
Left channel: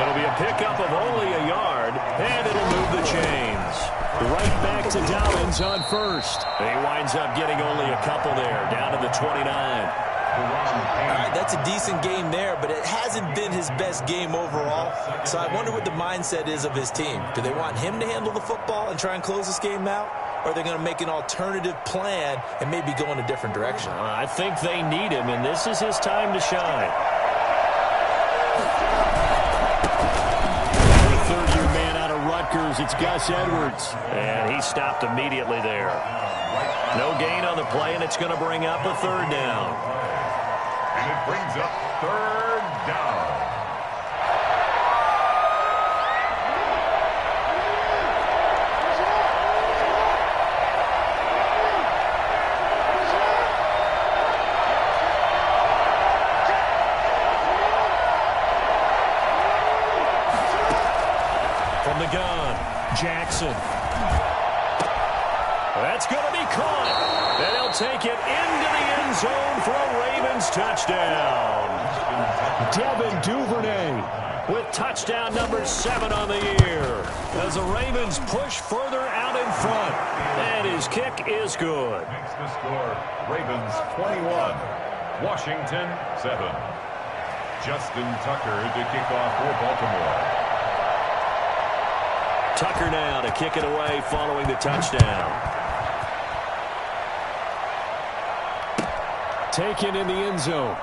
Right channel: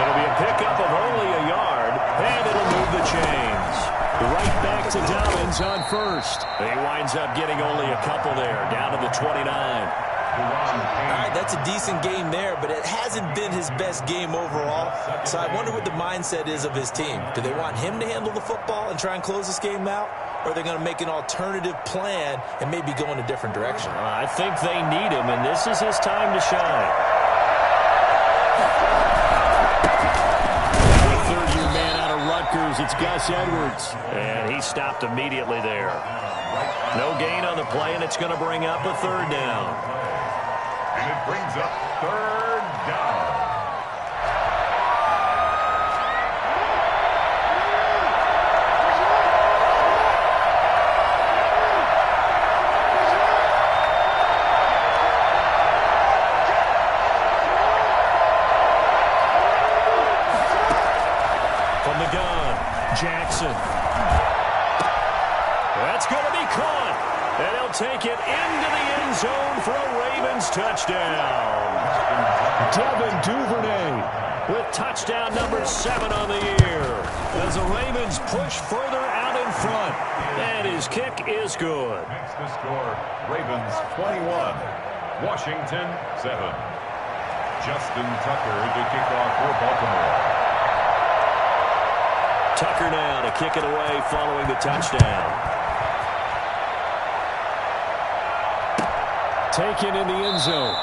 It'll be a pickup of only a yard, and it'll move the chains. Right back to Dobbins on 1st. He winds up getting only a couple there, down to the 29. All right, that's a decent game there, but it hasn't been his best game overall. So I wonder what the mindset is of his team. Do they want him to handle the football and try and close this game out? Or are they going to make an alternative plan and maybe go in a different direction? I think they need him, and this is his time to shine. The 3rd-year man out of Rutgers, it's Gus Edwards. And he stopped immediately there. No gain on the play, and it's going to bring up a 3rd down. And it brings up 3rd down. From the gun, Jackson. That's going to be caught. And he'll take it into the end zone for a Ravens touchdown. Devin Duvernay with touchdown number 7 on the year. As the Ravens push further out in front. And his kick is good. Makes the score Ravens 21, Washington 7. Justin Tucker to kick off for Baltimore. Tucker now to kick it away following the touchdown. Taken in the end zone.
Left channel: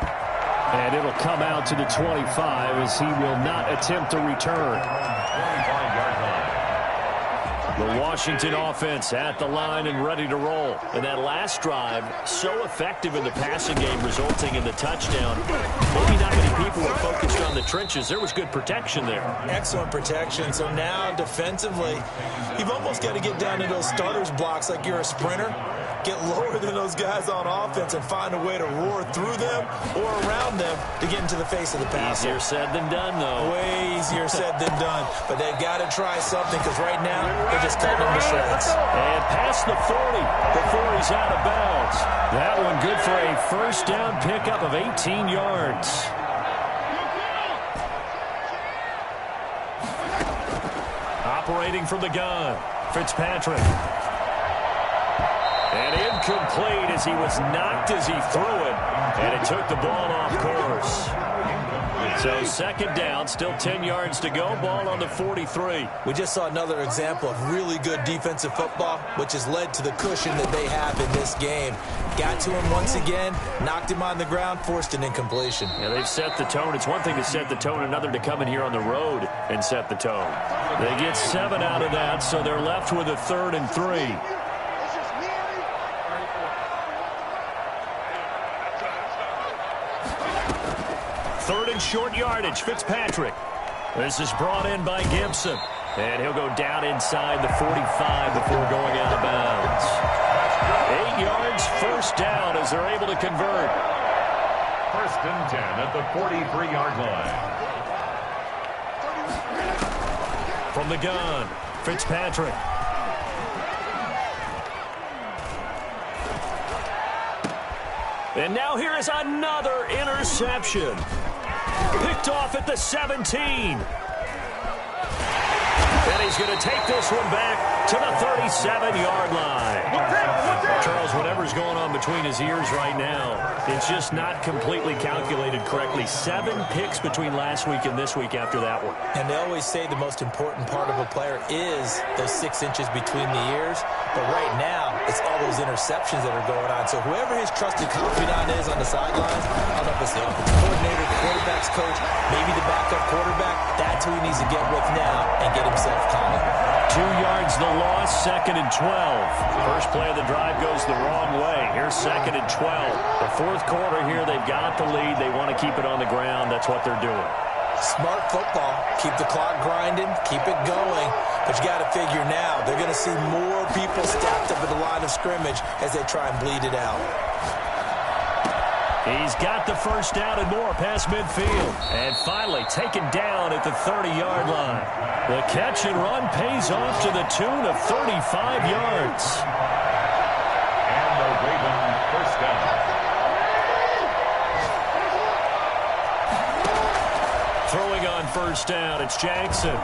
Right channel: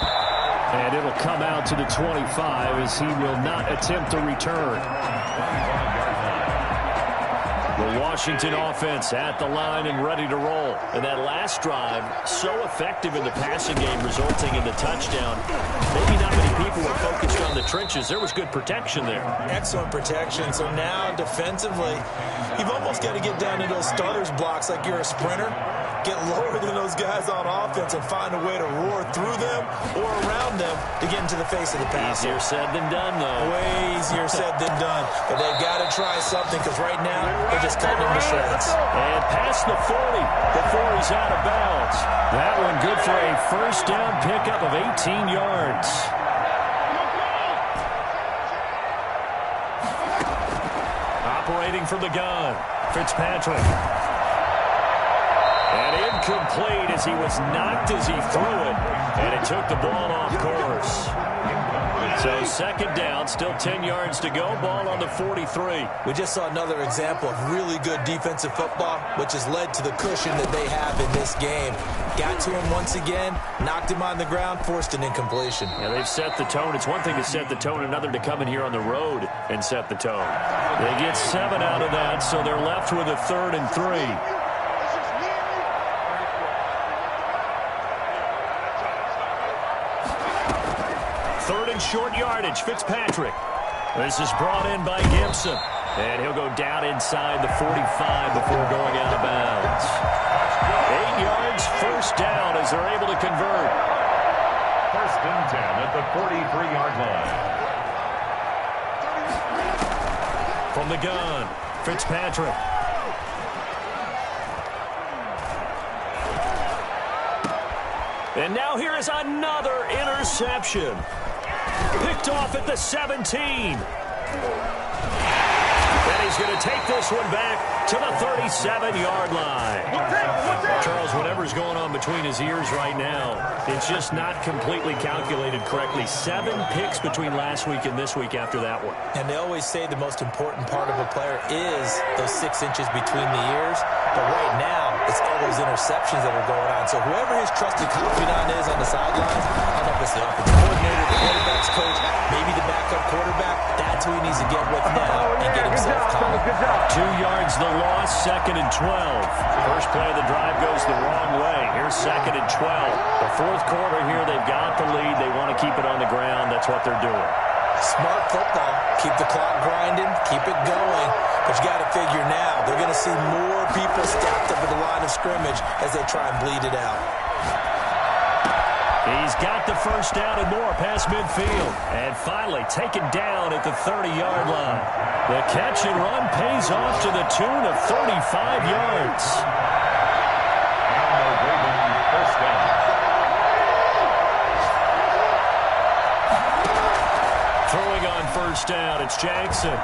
And it'll come out to the 25 as he will not attempt to return. 25-yard line. The Washington offense at the line and ready to roll. And that last drive, so effective in the passing game, resulting in the touchdown. Maybe not many people were focused on the trenches. There was good protection there. Excellent protection. So now defensively, you've almost got to get down to those starters blocks like you're a sprinter. Get lower than those guys on offense and find a way to roar through them or around them to get into the face of the passer. Easier said than done, though. Way easier said than done. But they've got to try something because right now they're just cutting them to shreds. And past the 40 before he's out of bounds. That one good for a 1st down pickup of 18 yards. Operating from the gun, Fitzpatrick. And incomplete as he was knocked as he threw it. And it took the ball off course. So second down, still 10 yards to go. Ball on the 43. We just saw another example of really good defensive football, which has led to the cushion that they have in this game. Got to him once again, knocked him on the ground, forced an incompletion. Yeah, they've set the tone. It's one thing to set the tone, another to come in here on the road and set the tone. They get 7 out of that, so they're left with a 3rd and 3. Third and short yardage, Fitzpatrick. This is brought in by Gibson. And he'll go down inside the 45 before going out of bounds. 8 yards, first down as they're able to convert. 1st and 10 at the 43-yard line. From the gun, Fitzpatrick. And now here is another interception. Picked off at the 17. And he's going to take this one back to the 37-yard line. Charles, whatever's going on between his ears right now, it's just not completely calculated correctly. 7 picks between last week and this week after that one. And they always say the most important part of a player is those 6 inches between the ears. But right now, it's all those interceptions that are going on. So whoever his trusted confidant is on the sidelines, I don't know if it's the offensive coordinator, the quarterback's coach, maybe the backup quarterback, that's who he needs to get with now and get himself calm. 2 yards the loss, 2nd and 12. First play of the drive goes the wrong way. Here's 2nd and 12. The 4th quarter here, they've got the lead. They want to keep it on the ground. That's what they're doing. Smart football. Keep the clock grinding. Keep it going. But you got to figure now, they're going to see more people stacked up at the line of scrimmage as they try and bleed it out. He's got the first down and more past midfield. And finally taken down at the 30-yard line. The catch and run pays off to the tune of 35 yards. And the Raven first down. Throwing on first down, it's Jackson.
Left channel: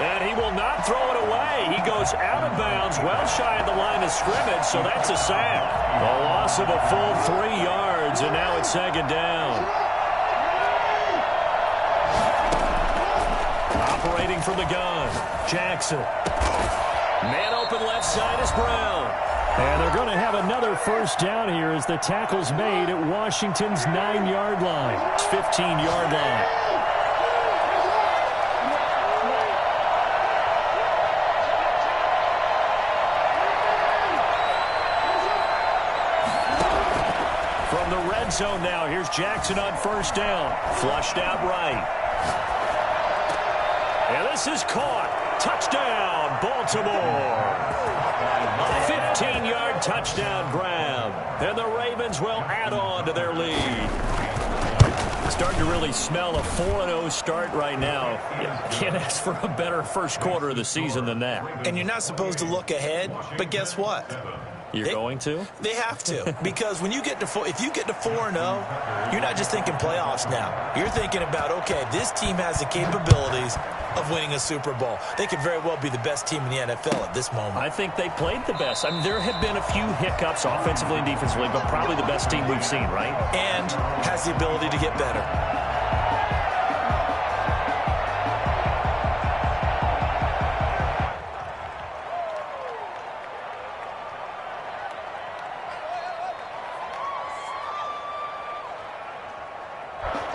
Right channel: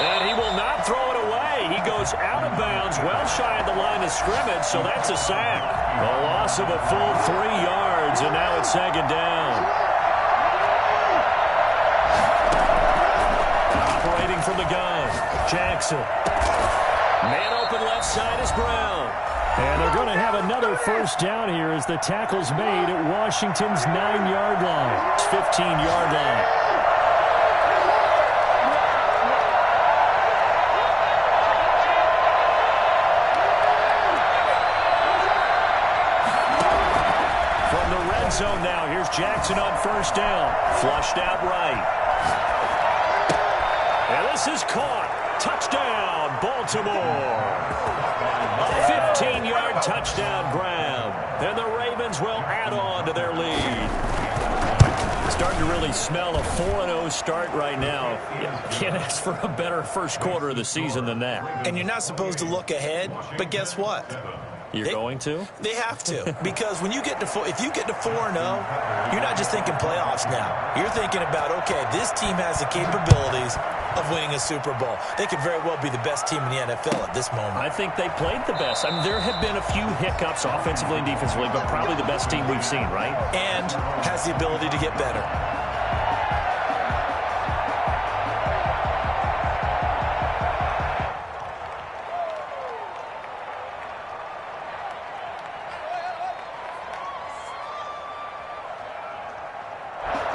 And he will not throw it away. He goes out of bounds, well shy of the line of scrimmage, so that's a sack. A loss of a full 3 yards, and now it's 2nd down. Operating from the gun, Jackson. Man open left side is Brown. And they're going to have another first down here as the tackle's made at Washington's 9-yard line. It's 15-yard line. From the red zone now, here's Jackson on first down. Flushed out right. And this is caught. Touchdown, Baltimore. A 15-yard touchdown grab. And the Ravens will add on to their lead. Starting to really smell a 4-0 start right now. You can't ask for a better first quarter of the season than that. And you're not supposed to look ahead, but guess what? You're going to? They have to, because when you get to if you get to 4-0, you're not just thinking playoffs now. You're thinking about, okay, this team has the capabilities of winning a Super Bowl. They could very well be the best team in the NFL at this moment. I think they played the best. I mean, there have been a few hiccups offensively and defensively, but probably the best team we've seen, right? And has the ability to get better.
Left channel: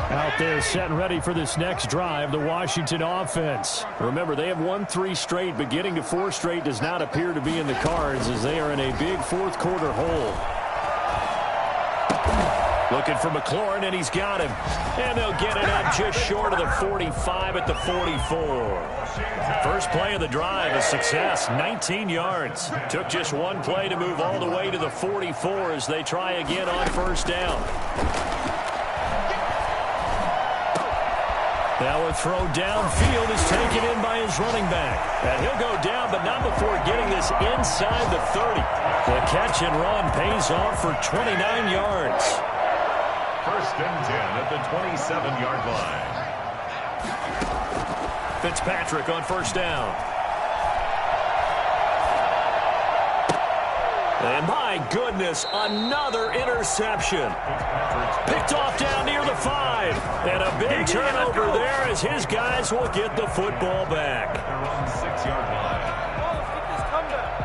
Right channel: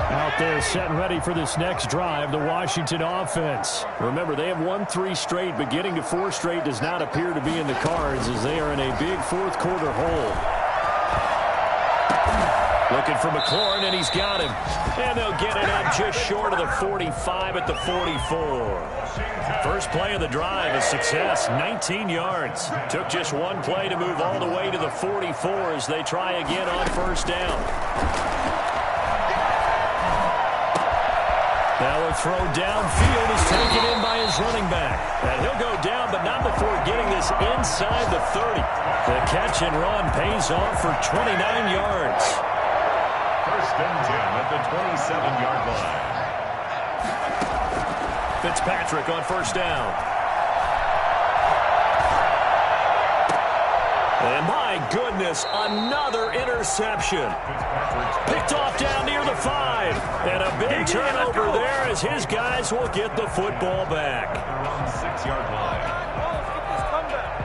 Out there set and ready for this next drive, the Washington offense. Remember, they have won 3 straight, but getting to 4 straight does not appear to be in the cards as they are in a big 4th quarter hole. Looking for McLaurin, and he's got him. And they'll get it up just short of the 45 at the 44. First play of the drive, a success, 19 yards. Took just one play to move all the way to the 44 as they try again on first down. Now a throw downfield is taken in by his running back. And he'll go down, but not before getting this inside the 30. The catch and run pays off for 29 yards. 1st and 10 at the 27-yard line. Fitzpatrick on first down. And my goodness, another interception. Picked off down near the 5. And a big turnover there as his guys will get the football back. They're on 6-yard line. Let's get this comeback.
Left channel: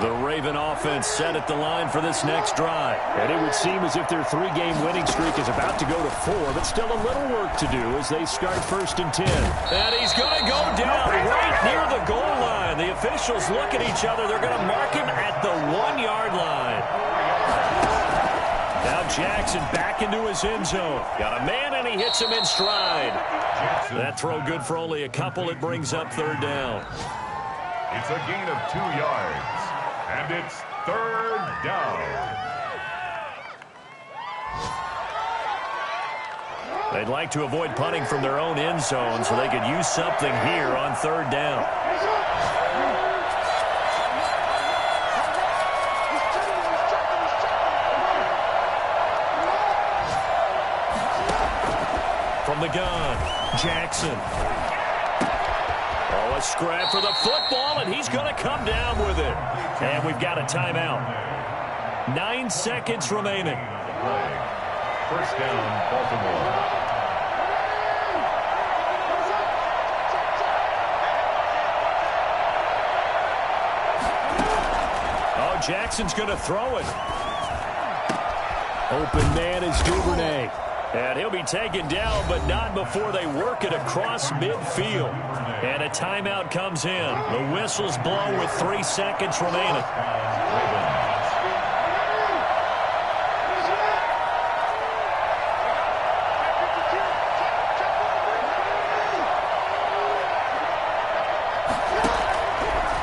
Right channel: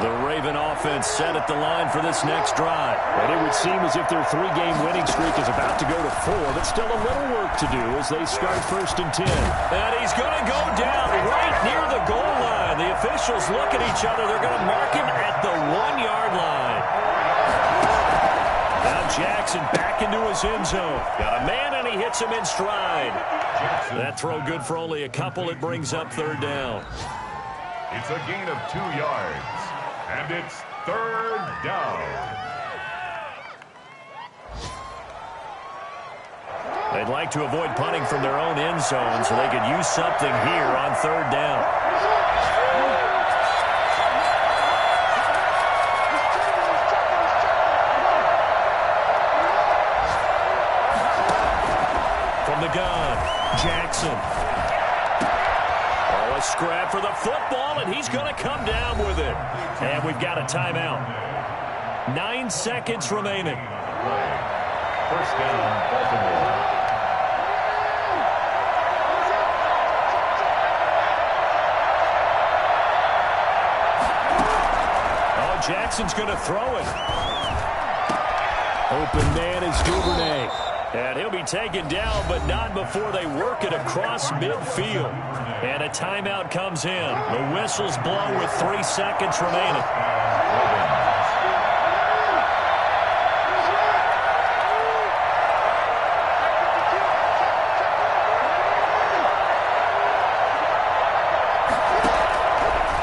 The Raven offense set at the line for this next drive. And it would seem as if their 3-game winning streak is about to go to 4, but still a little work to do as they start 1st and 10. And he's going to go down right near the goal line. The officials look at each other. They're going to mark him at the 1-yard line. Now Jackson back into his end zone. Got a man, and he hits him in stride. That throw good for only a couple. It brings up 3rd down. It's a gain of 2 yards. And it's 3rd down. They'd like to avoid punting from their own end zone so they could use something here on 3rd down. From the gun, Jackson. Oh, a scrap for the football, and he's going to come down with it. And we've got a timeout. 9 seconds remaining. 1st down, Baltimore. Oh, Jackson's going to throw it. Open man is Duvernay. And he'll be taken down, but not before they work it across midfield. And a timeout comes in. The whistles blow with 3 seconds remaining.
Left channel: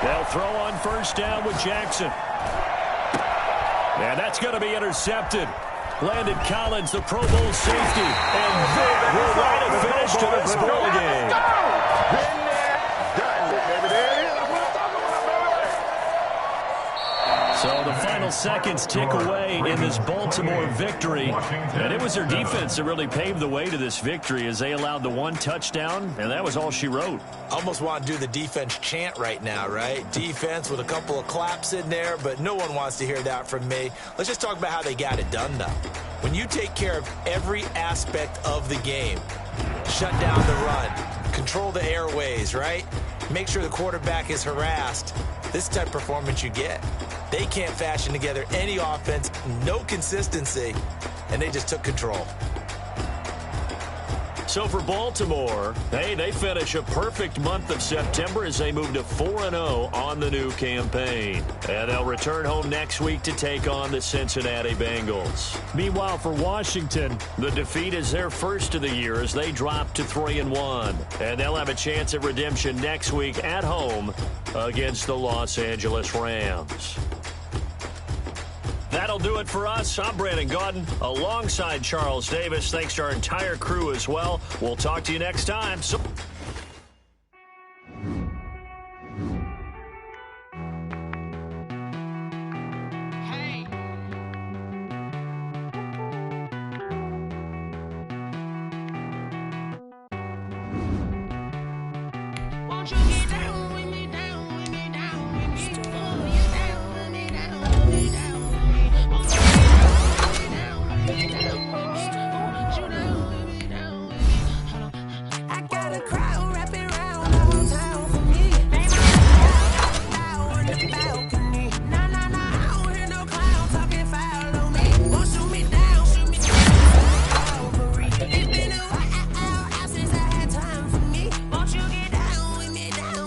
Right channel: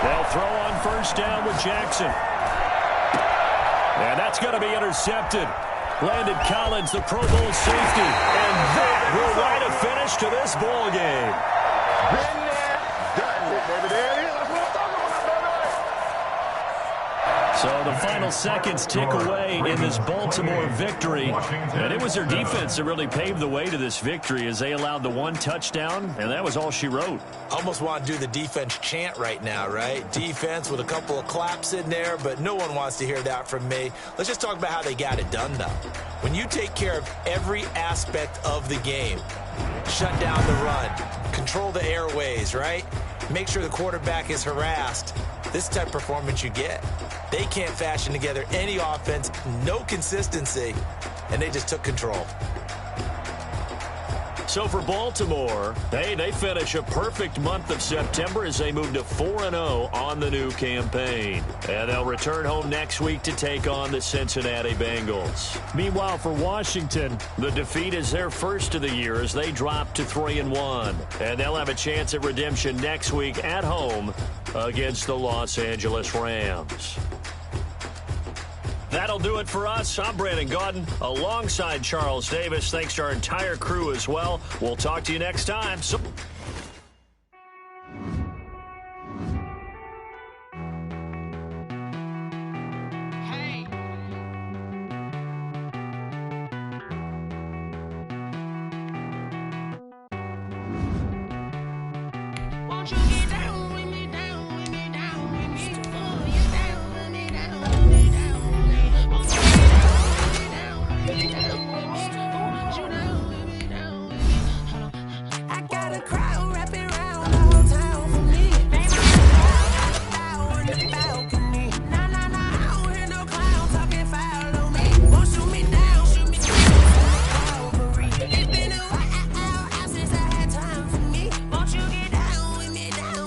They'll throw on 1st down with Jackson. And that's going to be intercepted. Landon Collins, the Pro Bowl safety. And that will write a finish to this ball game. Been there, done it, baby. There it is. That's what I'm talking about, baby. So the final seconds tick away in this Baltimore victory. And it was their defense that really paved the way to this victory as they allowed the 1 touchdown, and that was all she wrote. Almost want to do the defense chant right now, right? Defense with a couple of claps in there, but no one wants to hear that from me. Let's just talk about how they got it done, though. When you take care of every aspect of the game, shut down the run, control the airways, right? Make sure the quarterback is harassed. This type of performance you get. They can't fashion together any offense, no consistency, and they just took control. So for Baltimore, hey, they finish a perfect month of September as they move to 4-0 on the new campaign. And they'll return home next week to take on the Cincinnati Bengals. Meanwhile, for Washington, the defeat is their first of the year as they drop to 3-1. And they'll have a chance at redemption next week at home against the Los Angeles Rams. That'll do it for us. I'm Brandon Gaudin alongside Charles Davis. Thanks to our entire crew as well. We'll talk to you next time. Won't you get down with me, down with me, down with me? Oh, you down with me, down with me, down with me. Oh, you down with me, down with me, down with me. Oh, you down with me, down with me. I got a crowd wrapping around all town for me. They might bow in the balcony. Nah, nah, nah, I don't hear no clown talking foul on me. Won't shoot me down, shoot me down. Calvary. It's been a while since I had time for me. Won't you get down with me, down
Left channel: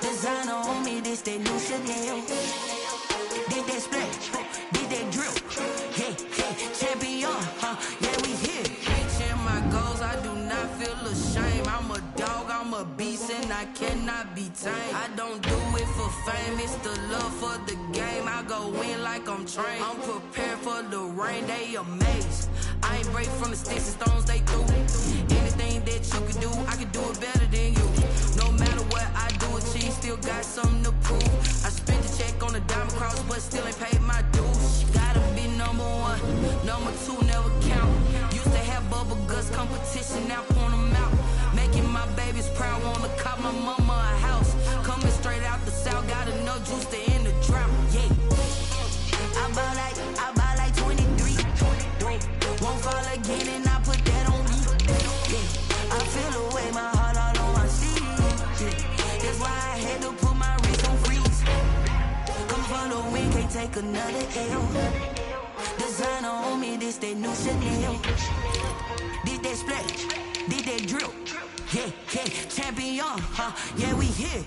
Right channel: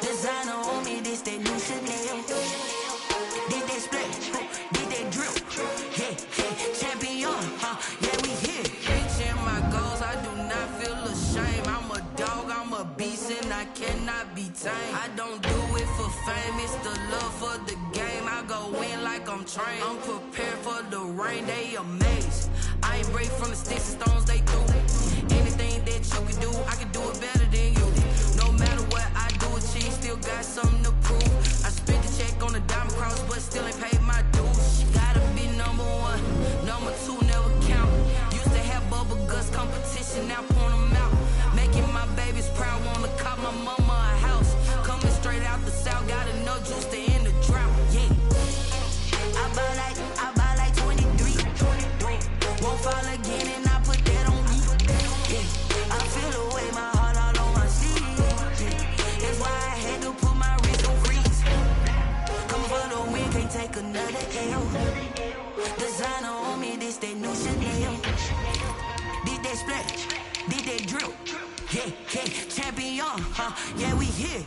Designer on me, this that new Chanel. Did that splash, did that drill. Yeah, yeah, champion, yeah, we here. Reaching my goals, I do not feel ashamed. I'm a dog, I'm a beast, and I cannot be tamed. I don't do it for fame, it's the love for the game. I go in like I'm trained. I'm prepared for the rain, they amazed. I ain't break from the sticks and stones they threw. Anything that you can do, I can do it better than you. No matter what I do, achieve, still got something to prove. I spent the check on the diamond cross, but still ain't paid my dues. Gotta be number one, number two never count. Used to have bubble guts competition, now point them out. Making my babies proud, wanna cop my mama a house. Coming straight out the south, got enough juice to end the drought. Yeah, I buy like 23. Won't fall again, and I put that on me. Yeah, I feel the way, my heart all on my sleeve. Yeah, that's why I had to put my wrist on freeze. Coming for the win, can't take another L. Designer on me, this that new Chanel. Did that splash, did that drill. Yeah, yeah, champion, yeah, we here.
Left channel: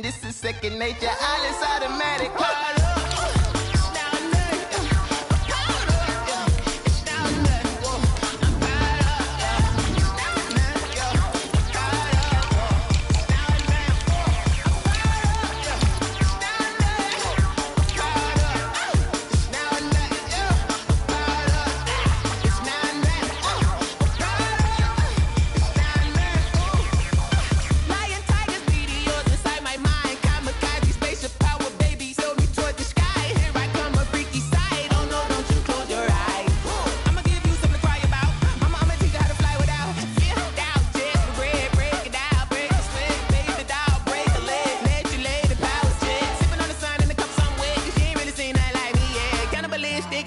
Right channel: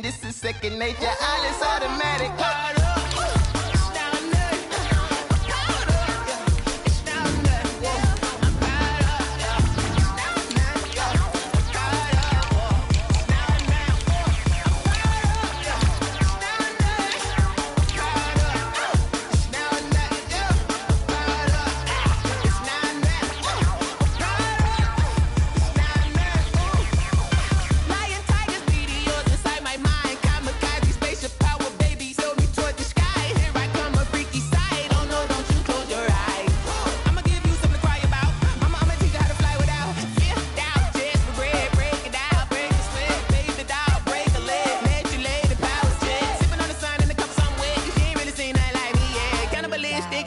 This is second nature, all is automatic.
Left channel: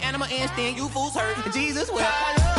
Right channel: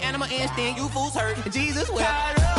Animal instinct, you fools hurt. Jesus will.